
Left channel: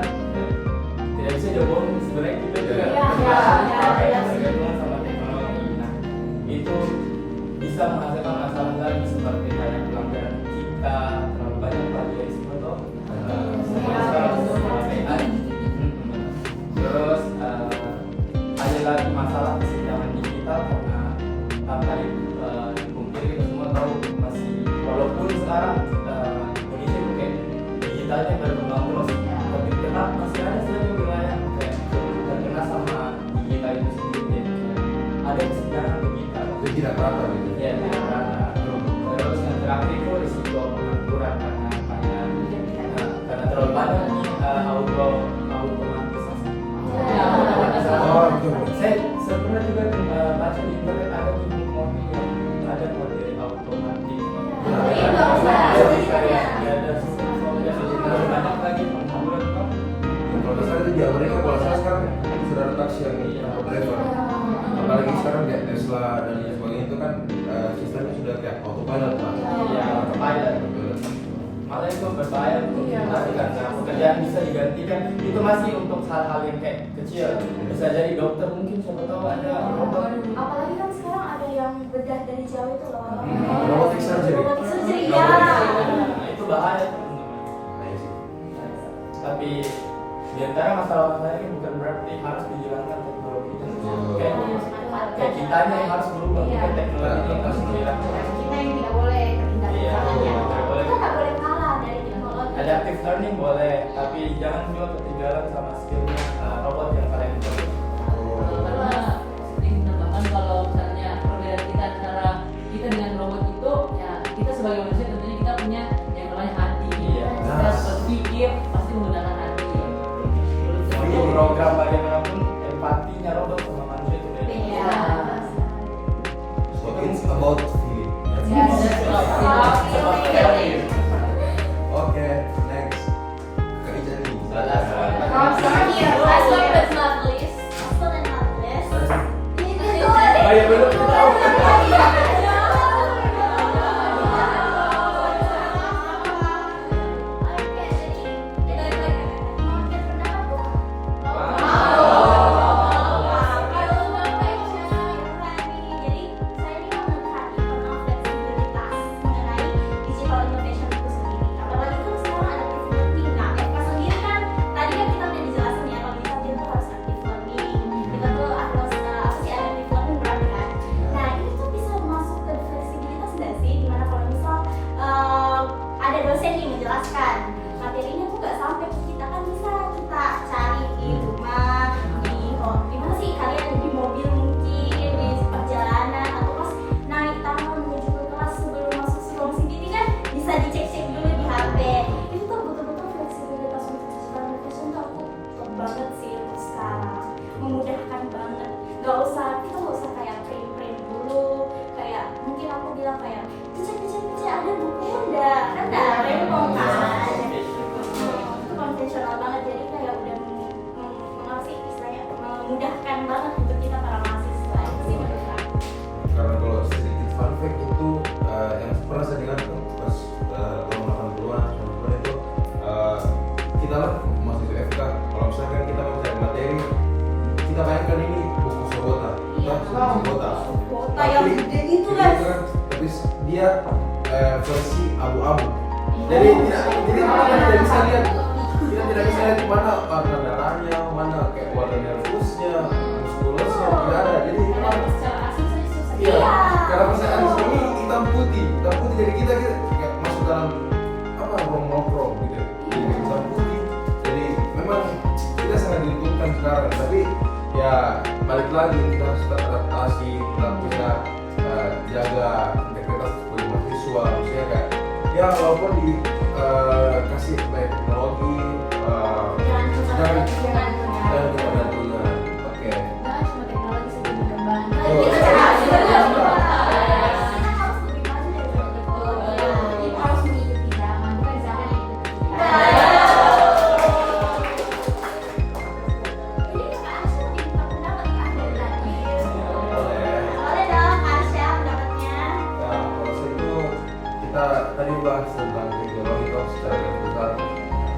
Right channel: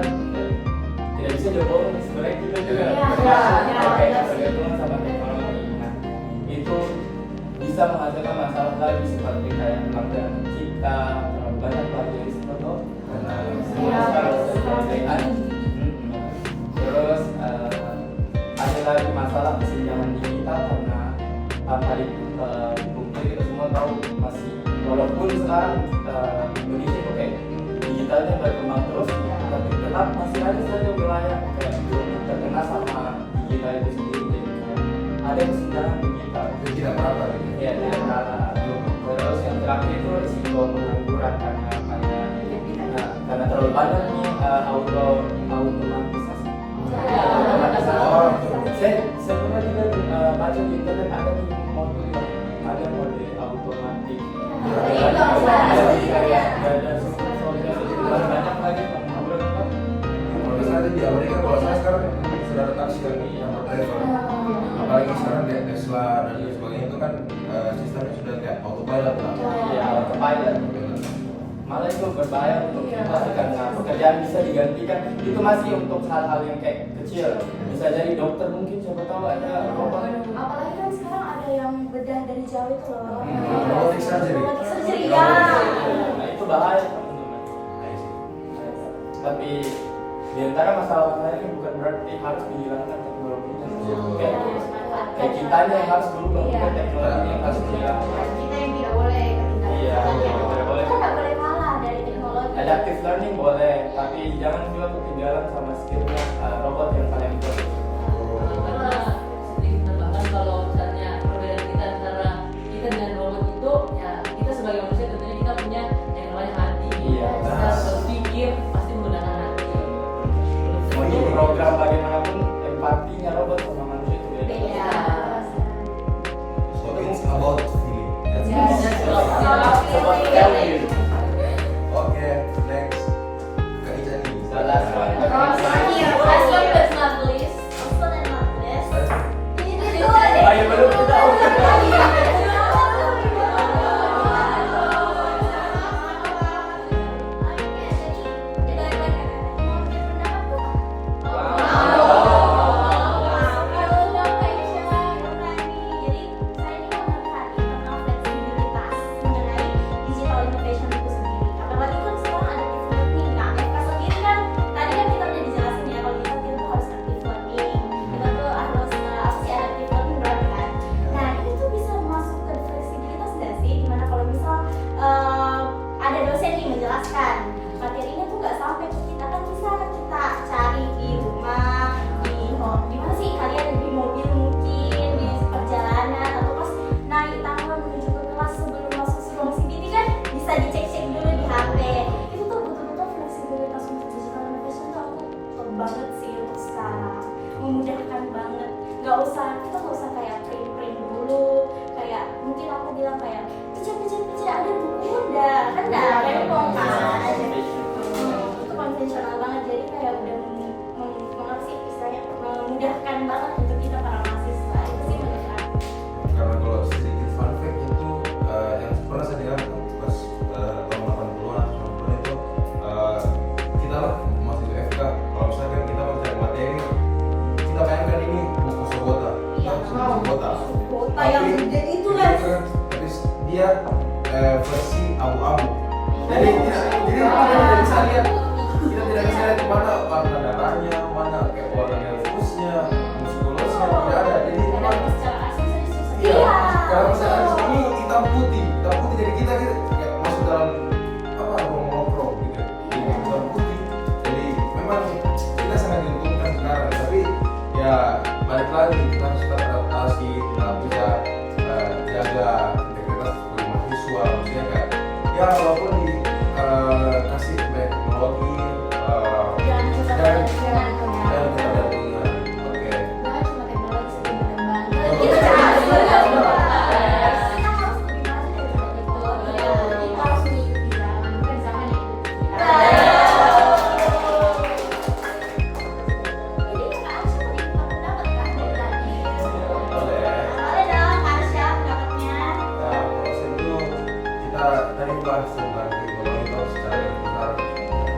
tidak bisa jawab sebenarnya kita juga kayak tergantung sama teknologi. Nah, itu bisa menghasilkan masalah lagi seperti kayak pelanggaran cipta, terlalu banyak plagiarisme atau semuanya sekarang sudah AI. Terus ada lagi masalah kesenjangan digital karena tanpa dipungkiri kita semua tahu masih walaupun sekarang Indonesia itu kayak digitalnya berkembang terus, tapi tetap masih ada saja wilayah kayak belum terkena sama digital itu sendiri. Jadi ada kesenjangan digital. Itu tidak merata gitu. Ya, tidak merata. Terus yang terakhir itu risiko pengangguran karena terlalu banyak nih automatisasi. Saya sebenarnya juga baca di internet ada nih mode otomatis. Ada software banyak lagi pengangguran Pak. Kalau misalnya di Amerika, kalau saya sekarang sudah ada taksi yang driver. Apalagi sekarang kayak Tesla dan lain sebagainya itu kan sistemnya sudah kayak autopilot lah. Iya, autopilot. Malah itu berbahaya untuk kita karena pekerjaan bisa digantikan. Itu masih untuk hal-hal yang kayak kecil. Bisa jadi dokter mungkin, siapa tahu ada robot. Apalagi kan sekarang ada yang bedah dari jauh itu loh. Robotic surgery. Robotic surgery ya. Nah, itu bahaya teman-teman. Tapi di antara masalah-masalah ini bukan berarti harus dihilangkan teknologinya. Kayak kitanya yang harus berubah, bukan teknologi yang harus dihilangkan. Kita yang tidak boleh ketinggalan. Iya, tidak boleh. Kita nggak boleh kalah dari teknologi. Adaptive learning boleh, tapi jangan juga ketinggalan sama skillnya robot yang kalian buat. Sedikit tambahkan kalau misalnya perbedaan kita antara kita dengan robot itu, ya kita sebagai manusia tentunya kita punya yang namanya hati. Iya. Kita berpikir pasti menggunakan hati. Untuk program bagaimanapun empatinya robot sama manusia itu beda. Beda. So it's about feeling. Oke, next. Kak Ica nih. Oh, sorry ya, Last Pak. one but not least, also and not least. Ini tuh Oh ya belum tahu. ada dosen yang menjelaskan materinya tuh nggak sampai ke kita, kan bisa kita cari di rumah, di mana sih kalian di mobil mungkin di perjalanan atau pas naik tangga menuju ke kelas sebelum masuk ruang CBT kan bisa dicek-cek dulu di HP. Itu tuh betul-betul fleksibilitas untuk digital innovation tuh aku top banget sih untuk sekarang, memudahkan banget. Kita nggak usah kayak print dulu, kayak mungkin aku bilang kayak kecil ada buku udah kan dah rempong kan. Itu konvensional banget, jadi kayak udah mengasih istilahnya memudahkan banget untuk kita para mahasiswa. Itu sih menurut aku. Karena kalau sedikit fun fact itu yang pernah saya dengar pas tahun 80-an atau 90-an itu kita lah masih FK, kalau misalkan kita belajar materi, kita bayangkan ini buku Sobota, Sobota. Kota yang gede itu kan. Tapi dia versi abu-abu. Jadi kita tidak bisa lihat kemana warna darahnya, ya walaupun di kasih banyak teknologi Jangan cuma jangan jangan kita lihat dulu ya. Oke. Nah, cuma teknologi sedikit berkembang. Oh. Kita harus lebih maju dari teknologi. Kita harus mengikuti zaman, kan zaman yang Jadi kakak Arsya mau minta pendapat ya tadi. Boleh. Boleh dong Kak Arsya pendapatnya. Nah, kalau saya itu kita tadi bahas tentang teknologi itu secara garis besar.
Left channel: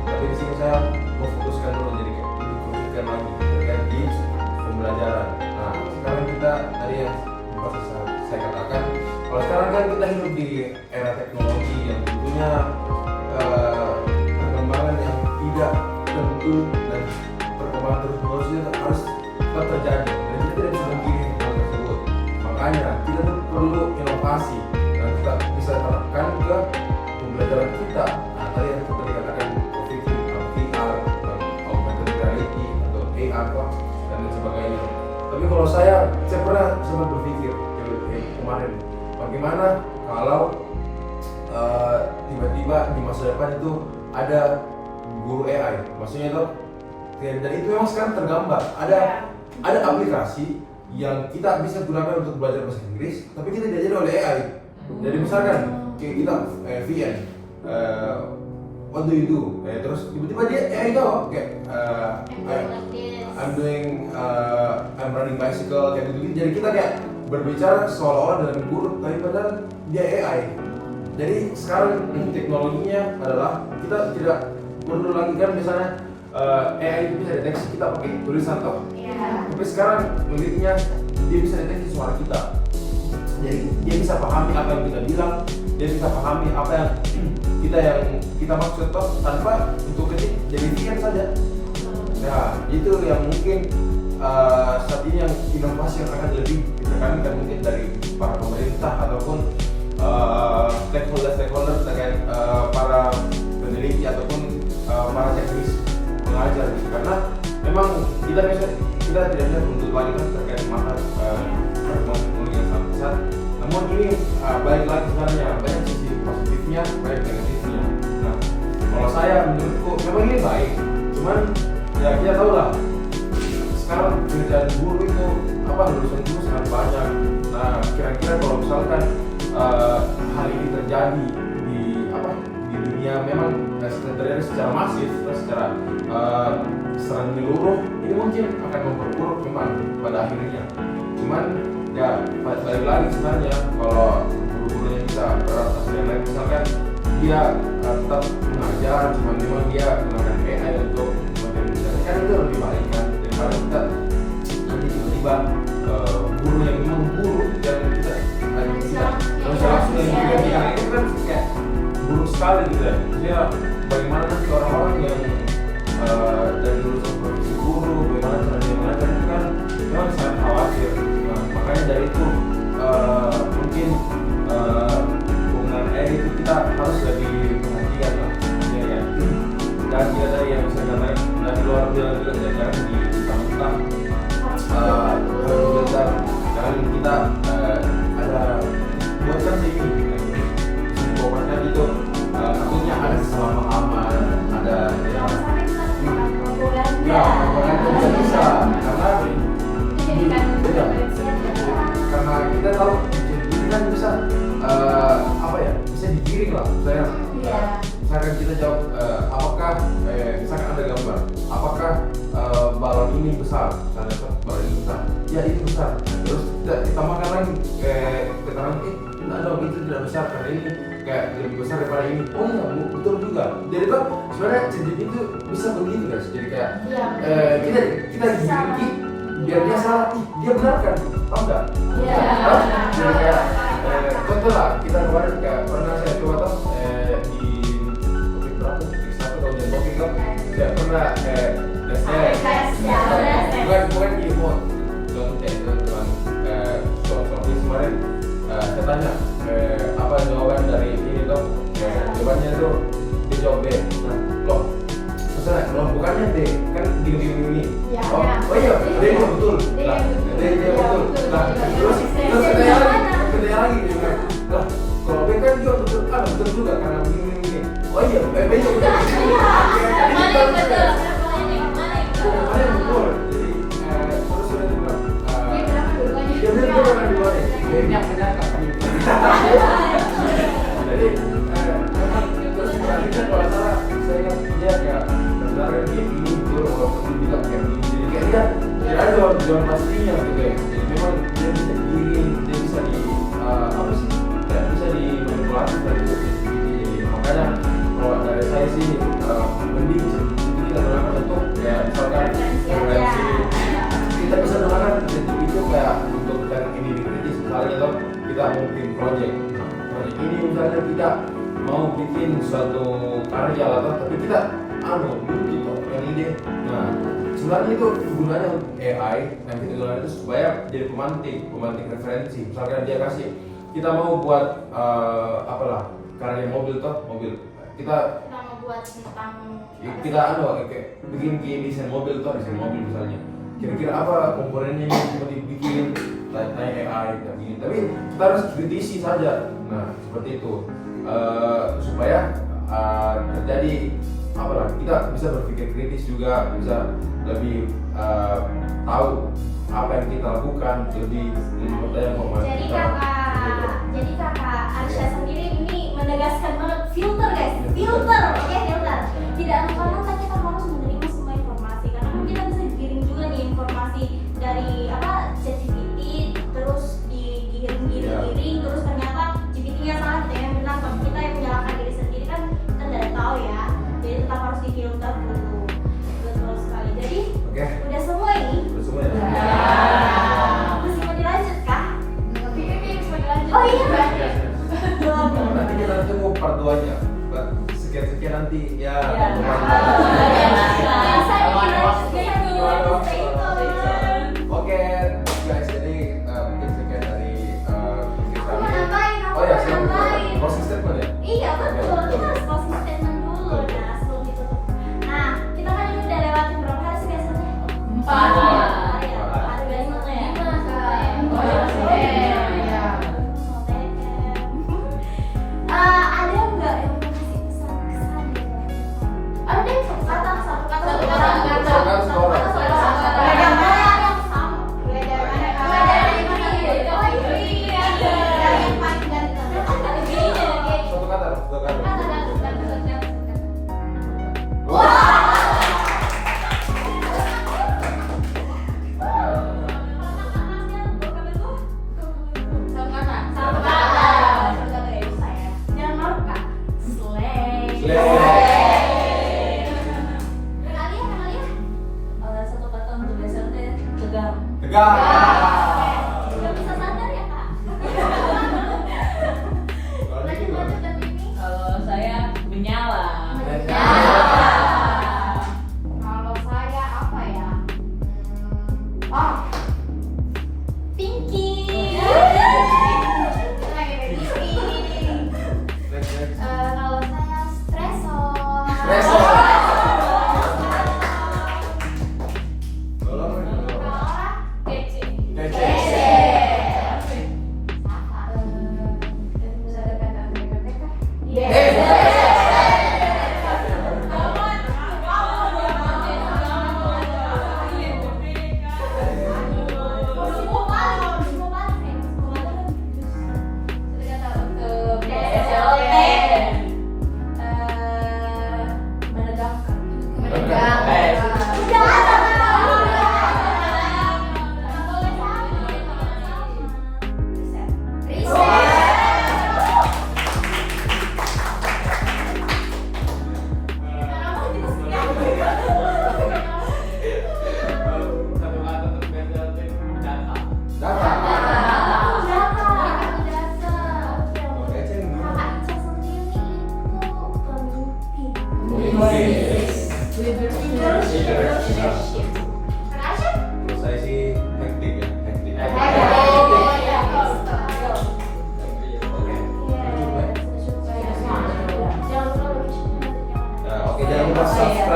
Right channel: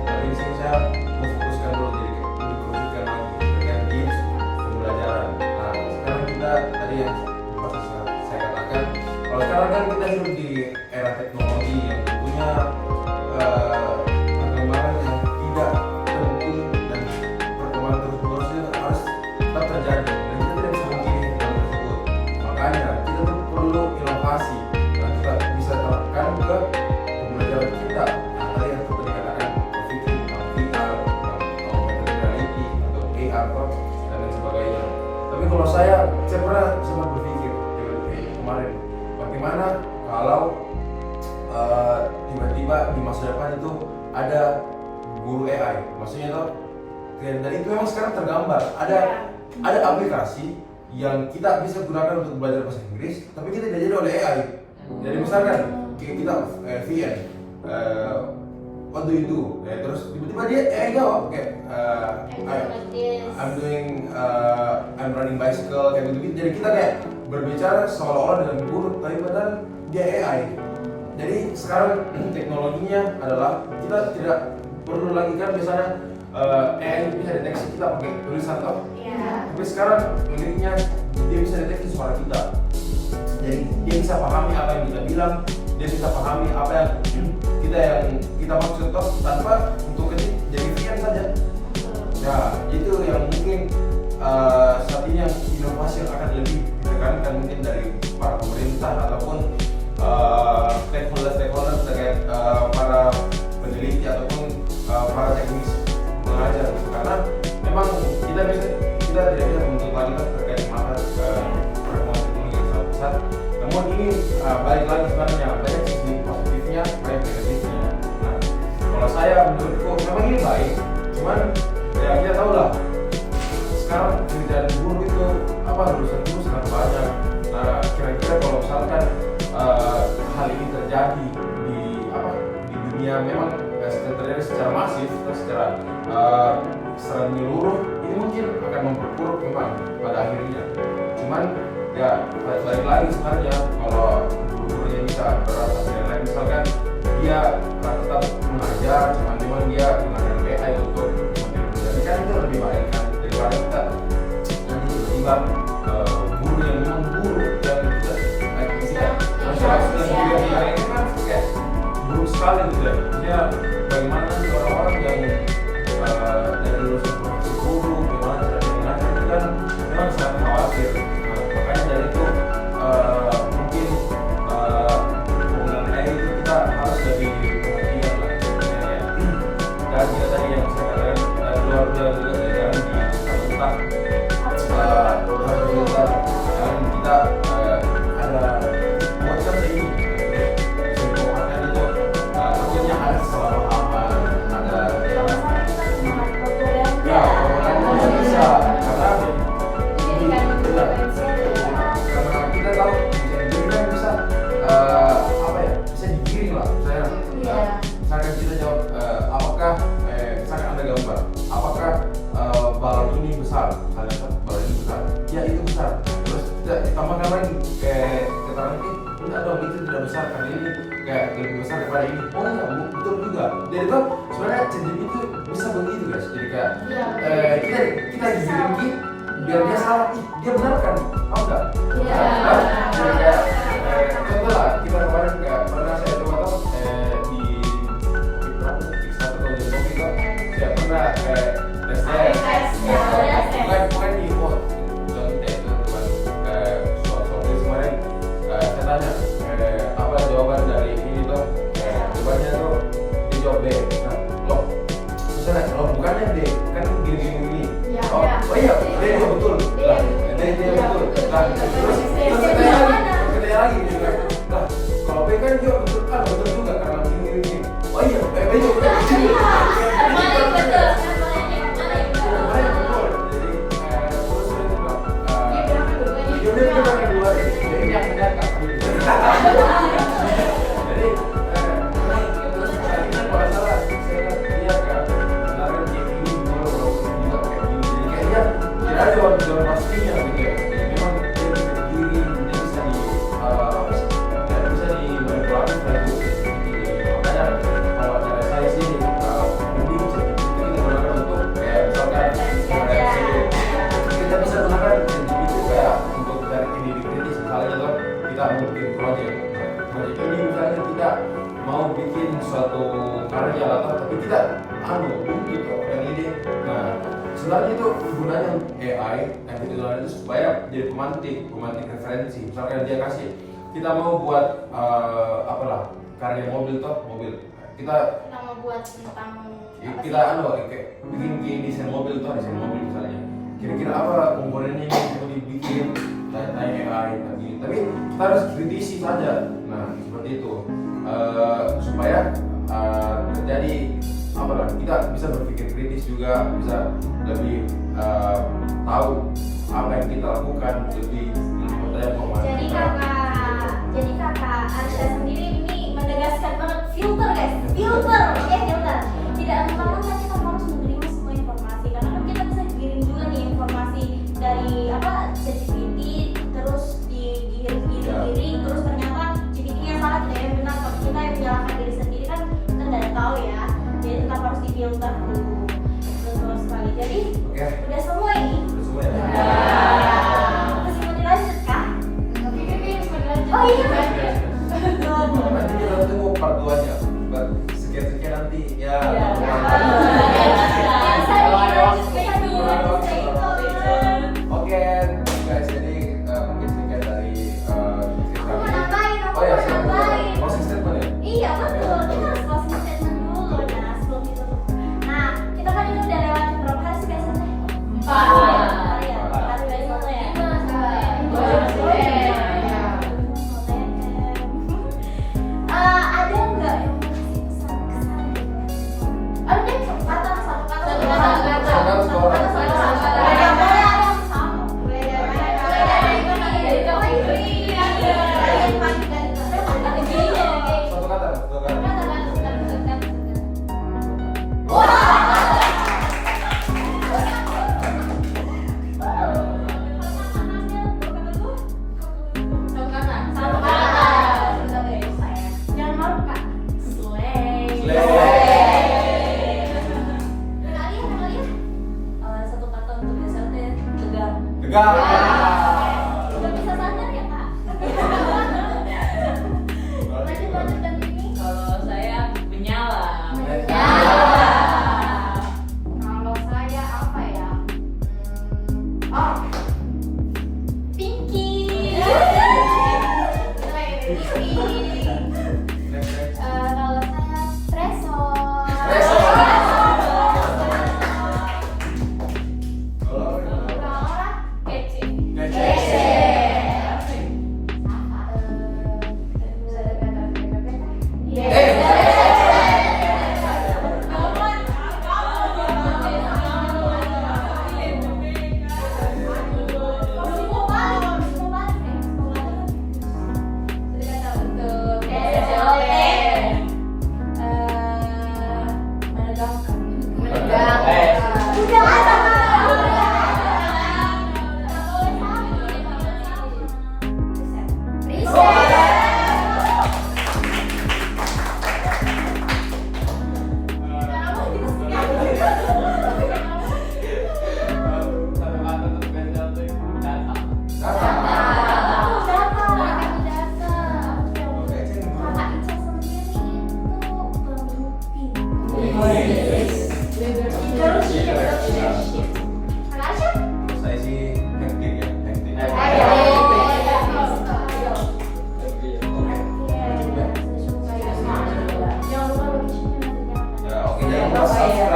Tapi di sini saya mau fokuskan dulu jadi dikerucutkan lagi terkait tips pembelajaran. Nah, sekarang kita tadi yang bahasa saya katakan, kalau sekarang kan kita hidup di era teknologi yang tentunya perkembangan yang tidak tentu dan perkembangan terus-menerus itu harus tetap terjadi dan kita tidak bisa memilih hal tersebut. Makanya kita tuh perlu inovasi dan kita bisa terapkan ke pembelajaran kita. Nah, tadi yang seperti dikatakan berpikir VR, augmented reality atau AR dan lain sebagainya. Tapi kalau saya pernah sempat berpikir kemarin, bagaimana kalau tiba-tiba di masa depan itu ada guru AI, maksudnya itu dan itu memang sekarang tergambar ada aplikasi yang kita bisa gunakan untuk belajar bahasa Inggris, tapi kita diajar oleh AI. Jadi misalkan kayak kita VN, what do you do? Terus tiba-tiba dia AI jawab kayak I'm running bicycle kayak gitu. Jadi kita kayak berbicara seolah-olah dengan guru, tapi padahal dia AI. Jadi sekarang teknologinya adalah kita tidak perlu lagi kan misalnya AI bisa deteksi kita pakai tulisan toh. Iya. Tapi sekarang uniknya dia bisa deteksi suara kita. Jadi dia bisa pahami apa yang kita bilang, dia bisa pahami apa yang kita maksud toh tanpa untuk ketik jadi VN saja. Nah itu yang mungkin saat ini yang inovasi yang akan lebih ditekankan mungkin dari para pemerintah ataupun stakeholder terkait para peneliti ataupun para teknis pengajar gitu, karena memang kita tidak bisa menuntut lagi kan terkait mata perkembangan teknologi yang sangat besar. Namun ini balik lagi sebenarnya banyak sisi positifnya, banyak negatifnya. Nah kalau saya menurutku memang ini baik, cuman ya kita tahu lah sekarang kerjaan guru itu lulusan guru sangat banyak. Nah kira-kira kalau misalkan hal ini terjadi di dunia memang terjadi secara masif, secara menyeluruh, ini mungkin akan memperburuk memang pada akhirnya. Cuman ya balik lagi sebenarnya kalau guru-gurunya bisa beradaptasi dengan lain, misalkan dia tetap mengajar, cuman memang dia menggunakan AI untuk mengajar, kan itu lebih baik kan daripada kita nanti tiba-tiba guru yang memang guru dan kita kalau sekarang sudah dibilang itu kan kayak buruk sekali gitu ya. Maksudnya bagaimana nanti orang-orang yang dari lulusan profesi guru, bagaimana cara dia mengajar itu kan memang sangat khawatir. Nah, makanya dari itu mungkin penggunaan AI itu kita harus lebih perhatian lah. Dan juga tadi yang saya katakan dan luar biasa juga jangan diutang-utang. Harus juga jangan kita ada buatkan ini bisa dibawakan itu takutnya ada kesalahpahaman, ada ya bisa karena kita tahu jadi kan bisa bisa digiring lah misalnya misalkan kita jawab apakah misalkan ada gambar apakah balon ini besar, misalnya balon ini besar, ya itu besar, terus kita tambahkan lagi keterangan enggak dong itu tidak besar karena ini kayak lebih besar daripada ini. Oh iya betul juga. Jadi tuh sebenarnya ChatGPT itu bisa begitu guys. Jadi kayak kita giring biar dia salah, dia benarkan, paham nggak? Jadi kayak contoh lah kita kemarin kayak pernah saya coba tuh di berapa Kickstarter atau Jentoki tuh saya pernah tesnya bukan di bot Jonte itu teman soal kemarin saya tanya apa jawaban dari ini tuh jawabannya tuh dia jawab B. Nah, loh maksudnya loh bukannya D kan gini oh iya D juga betul lah D dia betul lah terus katanya lagi dia bilang lah kalau B kan juga betul kan betul juga karena tujuan pastinya gitu ya. Jadi memang dia bisa digiring, dia bisa di apa sih? Ya, bisa dimanipulasi dan itu jadi makanya kalau dari saya sih mending itu kita gunakan untuk kayak misalkan referensi. Kita bisa gunakan itu kayak untuk dari ide kritis misalnya tuh kita mau bikin project ini misalnya kita mau bikin suatu karya atau tapi kita buntu tuh yang ide. Nah sebenarnya itu gunanya AI yang kita gunakan itu supaya jadi pemantik referensi. Misalkan dia kasih kita mau buat apalah karya mobil kita mau buat tentang kita kayak bikin desain mobil misalnya kira-kira apa komponennya yang mau dibikin tanya AI gitu. Tapi kita harus kritisi saja. Nah seperti itu supaya terjadi apalah kita bisa berpikir kritis juga, bisa lebih tahu apa yang kita lakukan, lebih mempercayai pemahaman kita. Jadi kakak Arsha sendiri ini menegaskan banget filter guys, filter. Tidak mentah-mentah kita harus menerima semua informasi karena kan kita bisa dikirim juga nih informasi dari ChatGPT terus digiring terus ternyata GPT-nya salah, kita yang benar, tapi kita yang menyalahkan diri sendiri kan kita nggak tahu ya. Jadi tetap harus difilter dulu. Betul sekali. Jadi udah semua ini. Udah semua ya. Masih mau dilanjut kah? Oh iya. Nanti kita tunggu part 2-nya. Sekian nanti ya. Oke guys, jadi mungkin sekian dari kami. Oh ya, silakan. Closing statement ya? Iya betul, kita harus closing statement dulu. Nah sebelum ditutup. Nah kita kan ini udah lewatin berapa hari sih biasanya? 4 hari ya. 4 hari biasanya ya. Ada nggak yang mau kasih pesan-kesan? Ada deh satu kata. Jangan malu kak. Kenalin. Satu kata untuk BSLT, tegang. Tegang. Udah bisa sadar ya kak? Lanjut dan ini. Kalau saya menyala. kalau saya apa ya? Pinky. Next. Kalau saya espresso. Kalau Kece. saya sih hektik ya. Jangan lupa location-nya nanti jangan. Ya, oke, jangan lupa subscribe